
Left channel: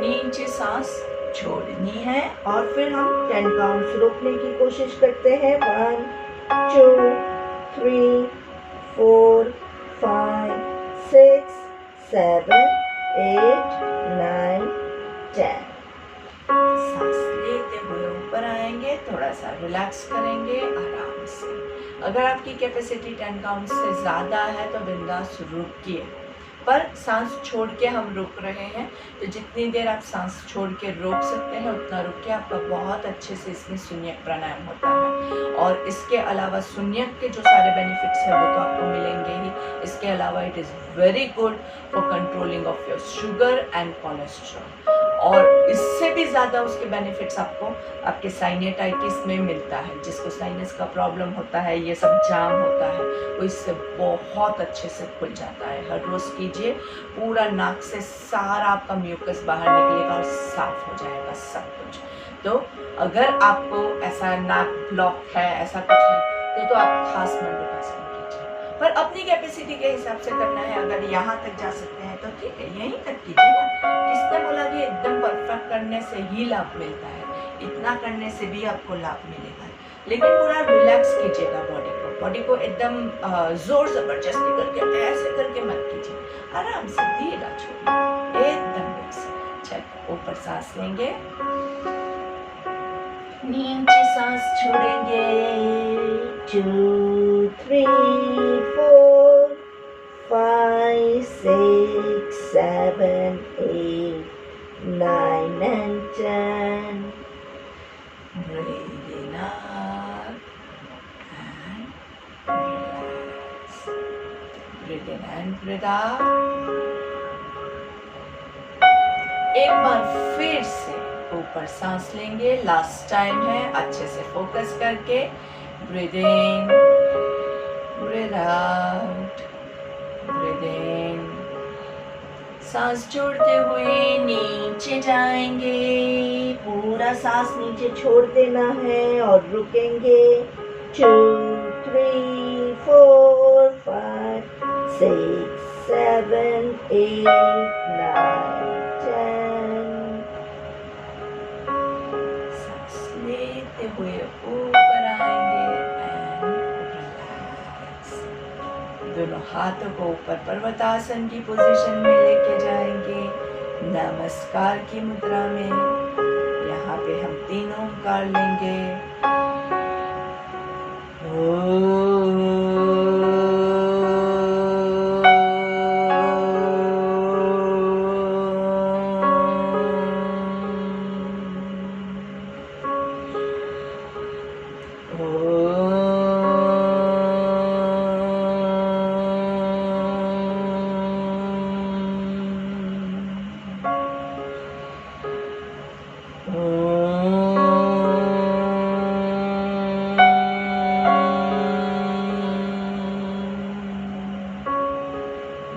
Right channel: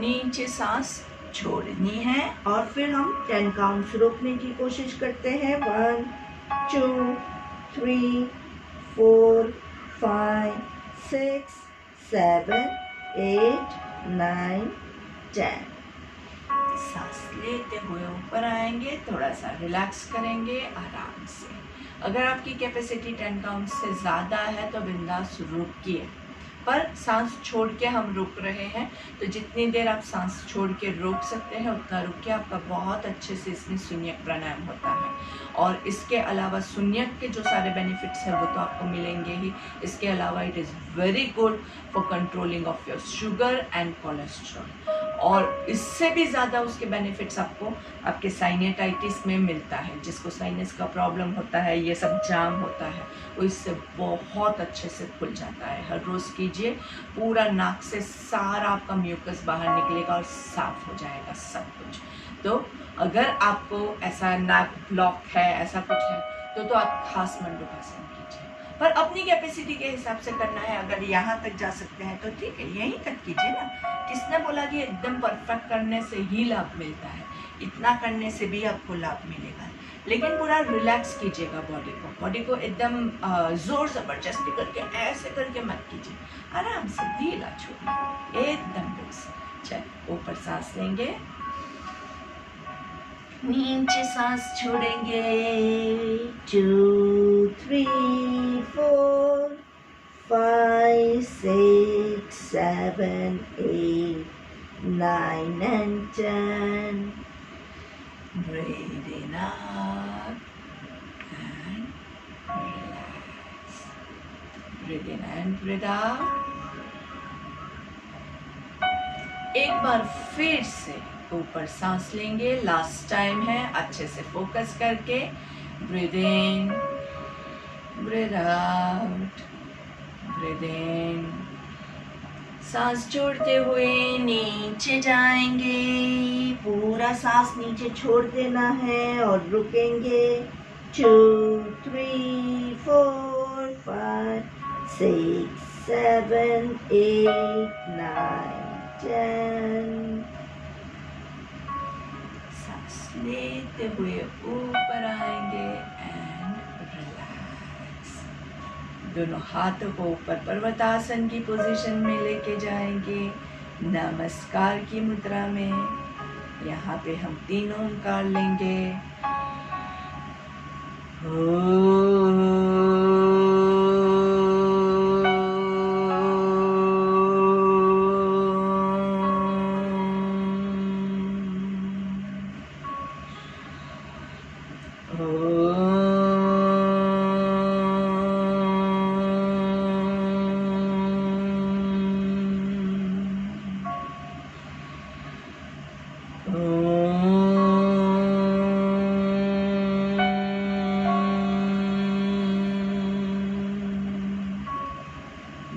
नीचे सांस छोड़नी है और फिर हम 10 काउंट्स रोकने की कोशिश करते हैं। 1 2 3 4 5 6 7 8 9 10। सांस लेते हुए ऊपर आएंगे, थोड़ा सा रिलैक्स करेंगे आराम से। अगर आपकी कैपेसिटी 10 काउंट से ज़्यादा है तो बिंदास रुकिए, पर सांस छोड़ के हम रुक रहे हैं तो जितनी देर आप सांस छोड़ के रोक सकते हैं उतना रुकिए। आपका बहुत अच्छे से इसमें शून्यक प्राणायाम होता है। और इसके अलावा शून्यक के जो सारे बेनिफिट्स हैं वो तो आपको मिलेंगे ही। इसके अलावा it is very good for controlling of your sugar and cholesterol. और इससे भी ज़्यादा उसके बेनिफिट्स आपको आपके साइनेटाइटिस में मिलता है। जिसको साइनस का प्रॉब्लम होता है, ये सब जाम होता है, वो इससे बहुत अच्छे से खुल जाता है। हर रोज़ कीजिए, पूरा नाक से सारा आपका म्यूकस बाहर निकलेगा और साफ हो जाएगा सब कुछ। तो अगर आपको ऐसा नाक ब्लॉक है, ऐसा कुछ है, तो आप खास मंडूकासन कीजिए, पर अपनी कैपेसिटी के हिसाब से करना है। अगर यहाँ तक जा सकते हैं तो ठीक है, यहीं तक कीजिए ना। किसने बोला कि एकदम परफेक्ट करने से ही लाभ मिलता है? इतना करने से भी आपको लाभ मिलेगा, लेकिन पूरा रिलैक्स कीजिएगा बॉडी को एकदम जोर जबरदस्ती करके ऐसे करके मत कीजिए। आराम से धीरा छोड़िए, एकदम से। चलिए, ऊपर सांस लेंगे, नीचे सांस छोड़ेंगे। 2 3 4 5 6 7 8 9 and 10. Breathe in up and relax. Breathe in and breathe out. एक बार फिर से ऊपर सांस लेंगे, लास्ट टाइम है, अच्छे से फोकस करके। Breathe in, breathe out, breathe इन। सांस छोड़ते हुए नीचे जाएंगे, पूरा सांस नीचे छोड़ देना है और रुकेंगे। 2 3 4 5 6 7 8 9 10। लेते हुए ऊपर आएंगे एंड रिलैक्स। दोनों हाथों को ऊपर पर्वतासन की पोजीशन में लेके जाएंगे, नमस्कार की मुद्रा में। यहाँ यहाँ पे हम 3 ओंकार लेंगे।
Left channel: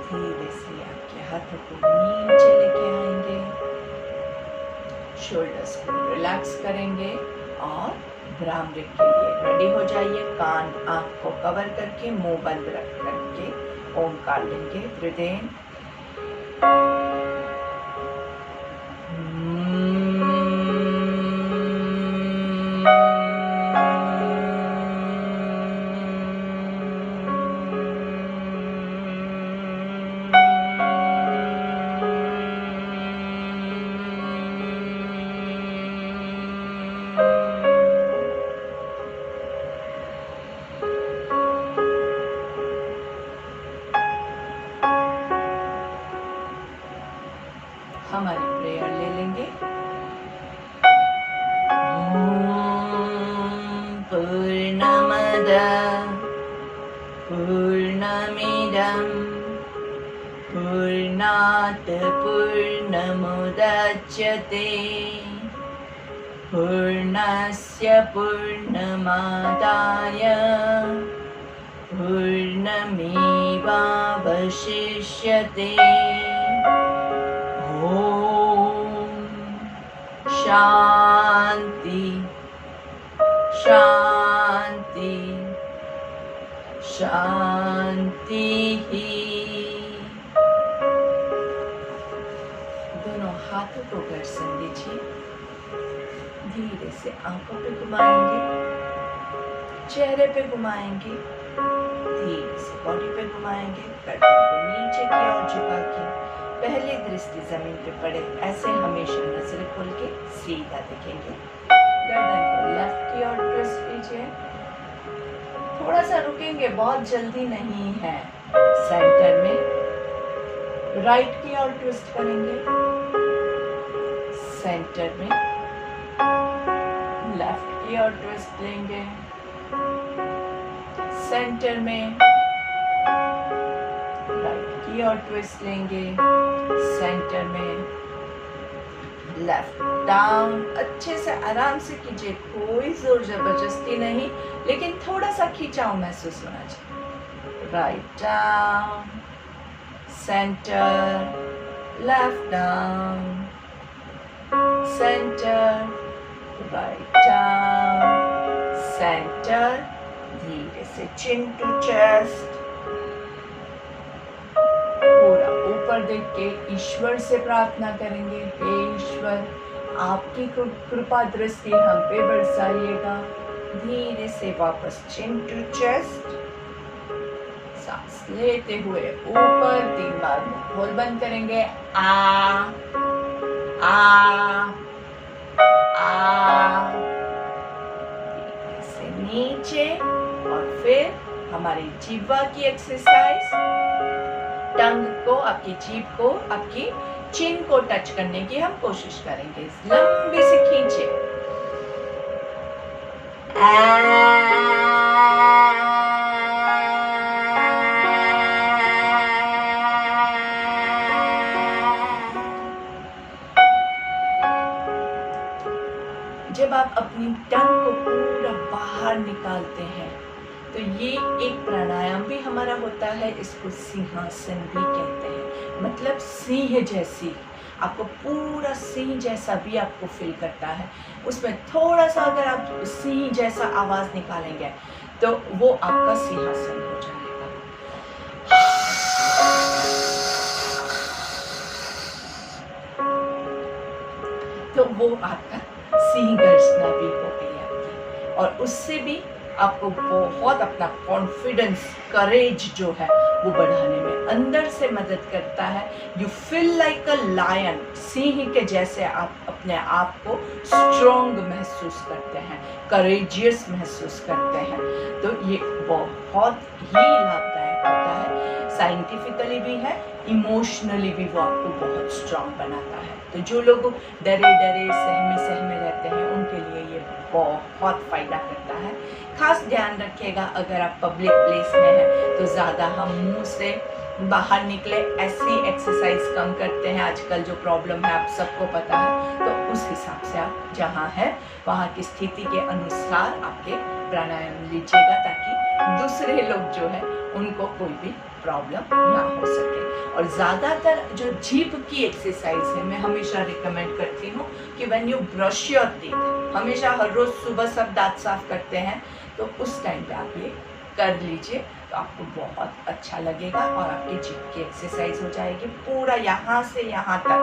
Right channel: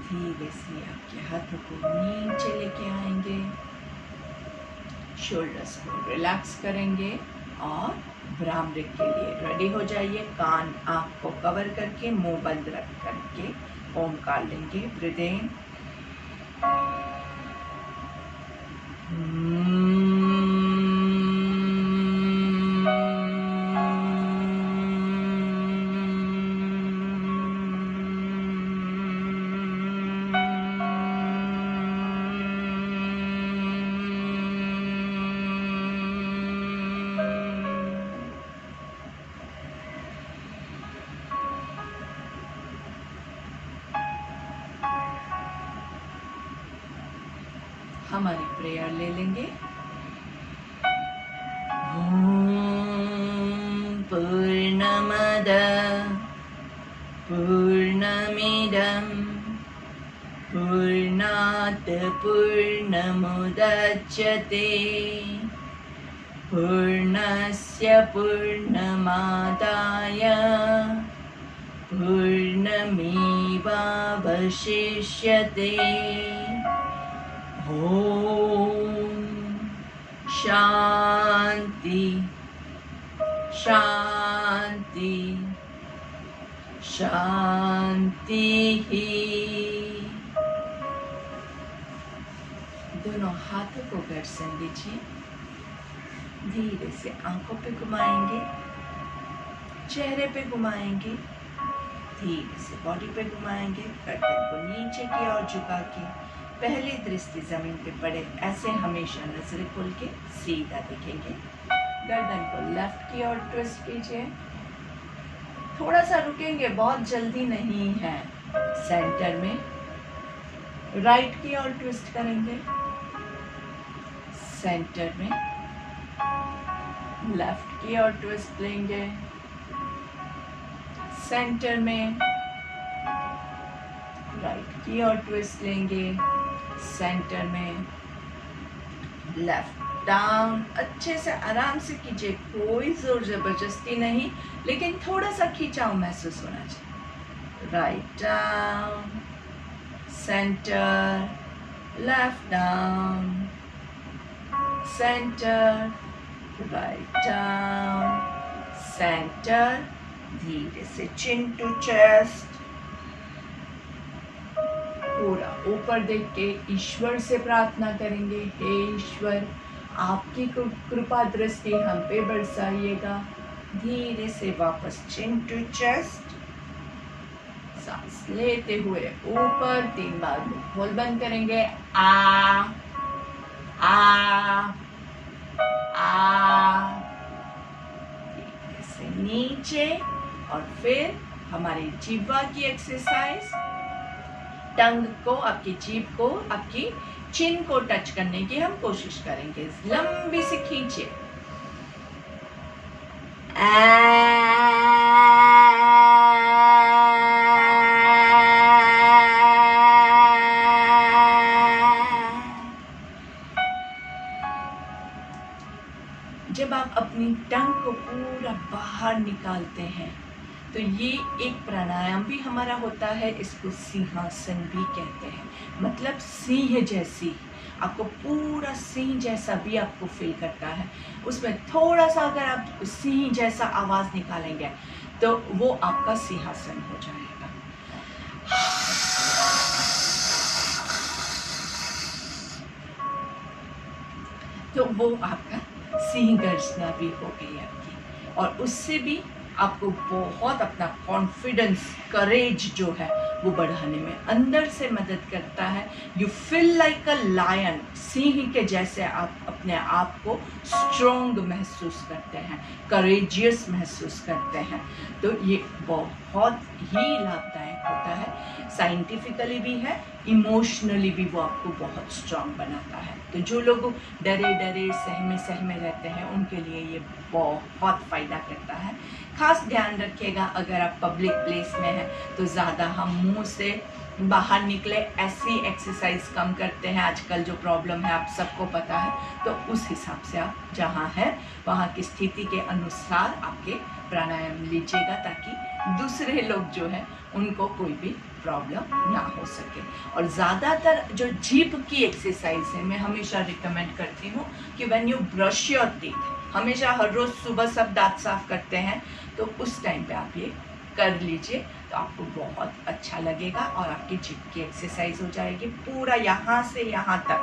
धीरे से आपके हाथों को नीचे लेके आएंगे, शोल्डर्स को रिलैक्स करेंगे और भ्रामरी के लिए रेडी हो जाइए। कान आंख को कवर करके मुंह बंद रख करके ओंकार लेंगे। ब्रीथ इन, हमारी प्रेयर ले लेंगे। पूर्णमद पूर्णमिदं पूर्णात् पूर्णमुदच्यते पूर्णस्य पूर्णमादाय पूर्णमेवावशिष्यते। ओम शांति शांति शांति ही। दोनों हाथों को घर्षण दीजिए। धीरे से आंखों पे घुमाएंगे, चेहरे पे घुमाएंगे, धीरे से बॉडी पे घुमाएंगे। गर्दन को नीचे की ओर झुका के पहली दृष्टि जमीन पे पड़े, ऐसे हमेशा नजरें खोल के सीधा देखेंगे। गर्दन को लेफ्ट की ओर ट्विस्ट कीजिए। थोड़ा सा रुकेंगे, बहुत जल्दी नहीं है। सेंटर में राइट की ओर ट्विस्ट करेंगे, सेंटर में लेफ्ट की ओर ट्विस्ट लेंगे, सेंटर में राइट की ओर ट्विस्ट लेंगे, सेंटर में लेफ्ट डाउन। अच्छे से आराम से कीजिए, कोई जोर जबरदस्ती नहीं, लेकिन थोड़ा सा खिंचाव महसूस होना चाहिए। Write down, centre, left down, centre, write down, centre. धीरे से चिन टू चेस्ट, पूरा ऊपर देख के ईश्वर से प्रार्थना करेंगे। हे ईश्वर, आपकी कृपा दृष्टि हम पे बरसाइएगा। धीरे से वापस चिन टू चेस्ट, सांस लेते हुए ऊपर 3 बार मुंह खोल बंद करेंगे। आ आ आ, धीरे से नीचे, और फिर हमारी जीवा की एक्सरसाइज। टंग को, आपकी जीभ को, आपकी चिन को टच करने की हम कोशिश करेंगे। लंबी से खींचे। जब आप अपनी टंग को पूरा बाहर निकालते हैं तो ये एक प्राणायाम भी हमारा होता है। इसको सिंहासन भी कहते हैं, मतलब सिंह जैसी, आपको पूरा सिंह जैसा भी आपको फील करता है। उसमें थोड़ा सा अगर आप सिंह जैसा आवाज निकालेंगे तो वो आपका सिंहासन हो जाएगा। तो वो आपका सिंह गर्जना भी हो गई आपकी, और उससे भी आपको बहुत अपना कॉन्फिडेंस, करेज जो है वो बढ़ाने में अंदर से मदद करता है। You feel like a lion, सिंह के जैसे आप अपने आप को स्ट्रॉन्ग महसूस करते हैं, करेजियस महसूस करते हैं। तो ये बहुत ही लाभदायक होता है, साइंटिफिकली भी है, इमोशनली भी वो आपको बहुत स्ट्रॉन्ग बनाता है। तो जो लोग डरे डरे सहमे रहते हैं उनके लिए ये बहुत फ़ायदा करता है। खास ध्यान रखिएगा, अगर आप पब्लिक प्लेस में हैं तो ज़्यादा हम मुंह से बाहर निकले ऐसी एक्सरसाइज कम करते हैं। आजकल जो प्रॉब्लम है आप सबको पता है, तो उस हिसाब से आप जहाँ है वहाँ की स्थिति के अनुसार आपके प्राणायाम लीजिएगा, ताकि दूसरे लोग जो है उनको कोई भी प्रॉब्लम ना हो सके। और ज़्यादातर जो जीभ की एक्सरसाइज है मैं हमेशा रिकमेंड करती हूँ कि when you brush your teeth, हमेशा हर रोज़ सुबह सब दांत साफ करते हैं, तो उस टाइम पे आप ये कर लीजिए, तो आपको बहुत अच्छा लगेगा और आपकी जीभ की एक्सरसाइज हो जाएगी। पूरा यहाँ से यहाँ तक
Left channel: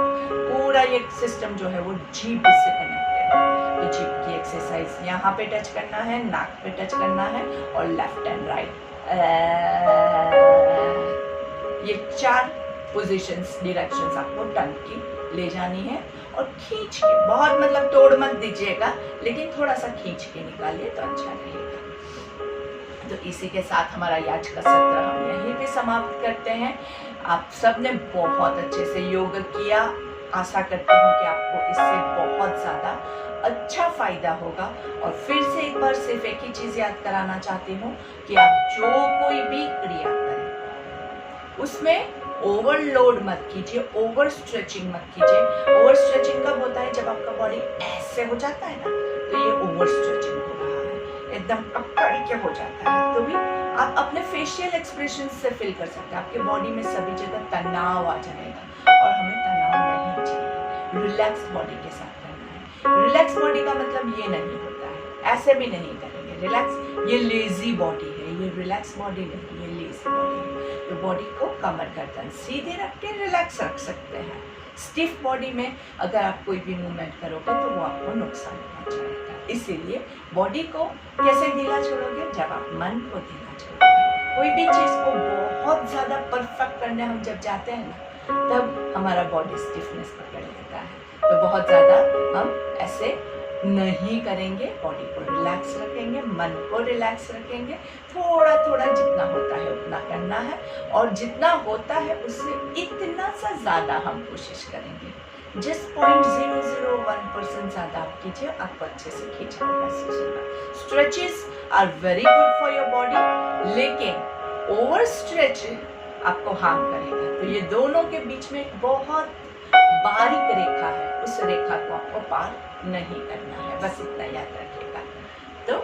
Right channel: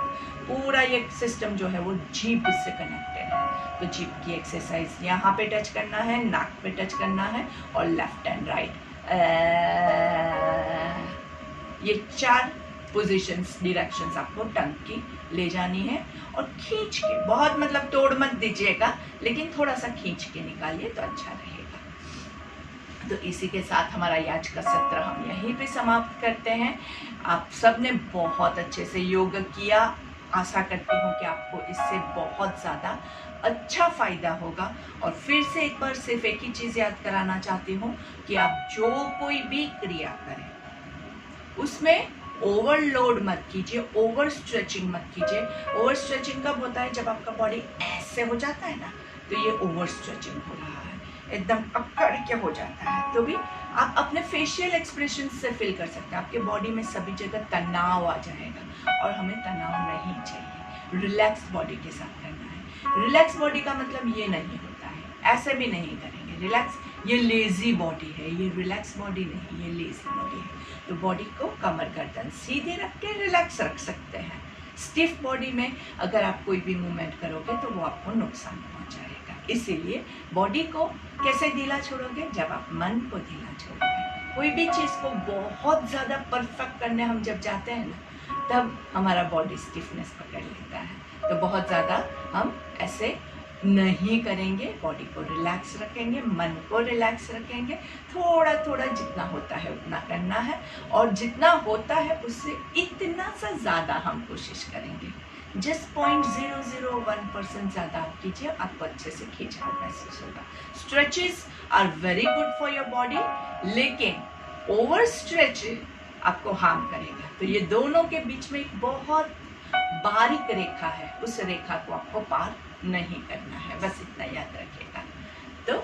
पूरा ये सिस्टम जो है वो जीभ से कनेक्टेड है। तो जीभ की एक्सरसाइज यहाँ पे टच करना है, नाक पे टच करना है, और लेफ्ट एंड राइट, ये 4 पोजीशंस, डायरेक्शंस आपको टंग की ले जानी है। और खींच के, बहुत मतलब तोड़ मत दीजिएगा, लेकिन थोड़ा सा खींच के निकालिए तो अच्छा रहेगा। तो इसी के साथ हमारा आज का सत्र हम यहीं पे समाप्त करते हैं। आप सब ने बहुत अच्छे से योग किया, आशा करती हूँ कि आपको इससे बहुत ज़्यादा अच्छा फ़ायदा होगा। और फिर से एक बार सिर्फ एक ही चीज़ याद कराना चाहती हूँ कि आप जो कोई भी क्रिया करें उसमें ओवरलोड मत कीजिए, ओवर स्ट्रेचिंग मत कीजिए। ओवर स्ट्रेचिंग कब होता है? जब आपका बॉडी ऐसे हो जाता है ना, तो ये ओवर स्ट्रेचिंग हो रहा है, एकदम अकड़ के हो जाता है। तो भी आप अपने फेशियल एक्सप्रेशन से फील कर सकते हैं, आपके बॉडी में सभी जगह तनाव आ जाएगा, और हमें तनाव नहीं चाहिए। रिलैक्स बॉडी के साथ करना है। रिलैक्स बॉडी का मतलब ये नहीं होता है ऐसे भी नहीं करेंगे रिलैक्स, ये लेजी बॉडी है, ये रिलैक्स बॉडी नहीं, ये लेजी बॉडी है। तो बॉडी को कमर गर्दन सीधे रख के रिलैक्स रख सकते हैं। स्टिफ बॉडी में अगर आप कोई भी मूवमेंट करोगे तो वो आपको नुकसान पहुंचाएगा। इसीलिए बॉडी को कैसे ढीला छोड़ोगे? जब आप मन को ढीला छोड़ोगे। कोई भी चीज़ को बहुत ज़्यादा परफेक्ट करने हम जब जाते हैं ना, तब हमारा बॉडी स्टिफनेस पकड़ लेता है। तो बहुत ज़्यादा हम ऐसे नहीं करेंगे, बॉडी को रिलैक्स रखेंगे, मन को रिलैक्स रखेंगे। थोड़ा थोड़ा जितना होता है उतना करना है, और जितना होता है उससे इतना सा ज़्यादा हम कोशिश करेंगे। जिस 0.001% ज़्यादा आप कीजिए, आपको अच्छे से खिंचाव महसूस होगा। Stretches are very good for your body, लेकिन ओवर स्ट्रेच आपको हार्म करेगा। तो ये दोनों के बीच में एक बहुत बारीक रेखा है, उस रेखा को आपको पार नहीं करना है, बस इतना याद रखिएगा। तो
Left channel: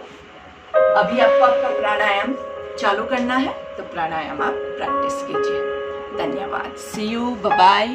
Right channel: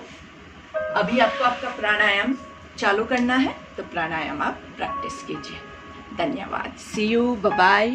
अभी आपको आपका प्राणायाम चालू करना है, तो प्राणायाम आप प्रैक्टिस कीजिए। धन्यवाद। सी यू, बाय बाय।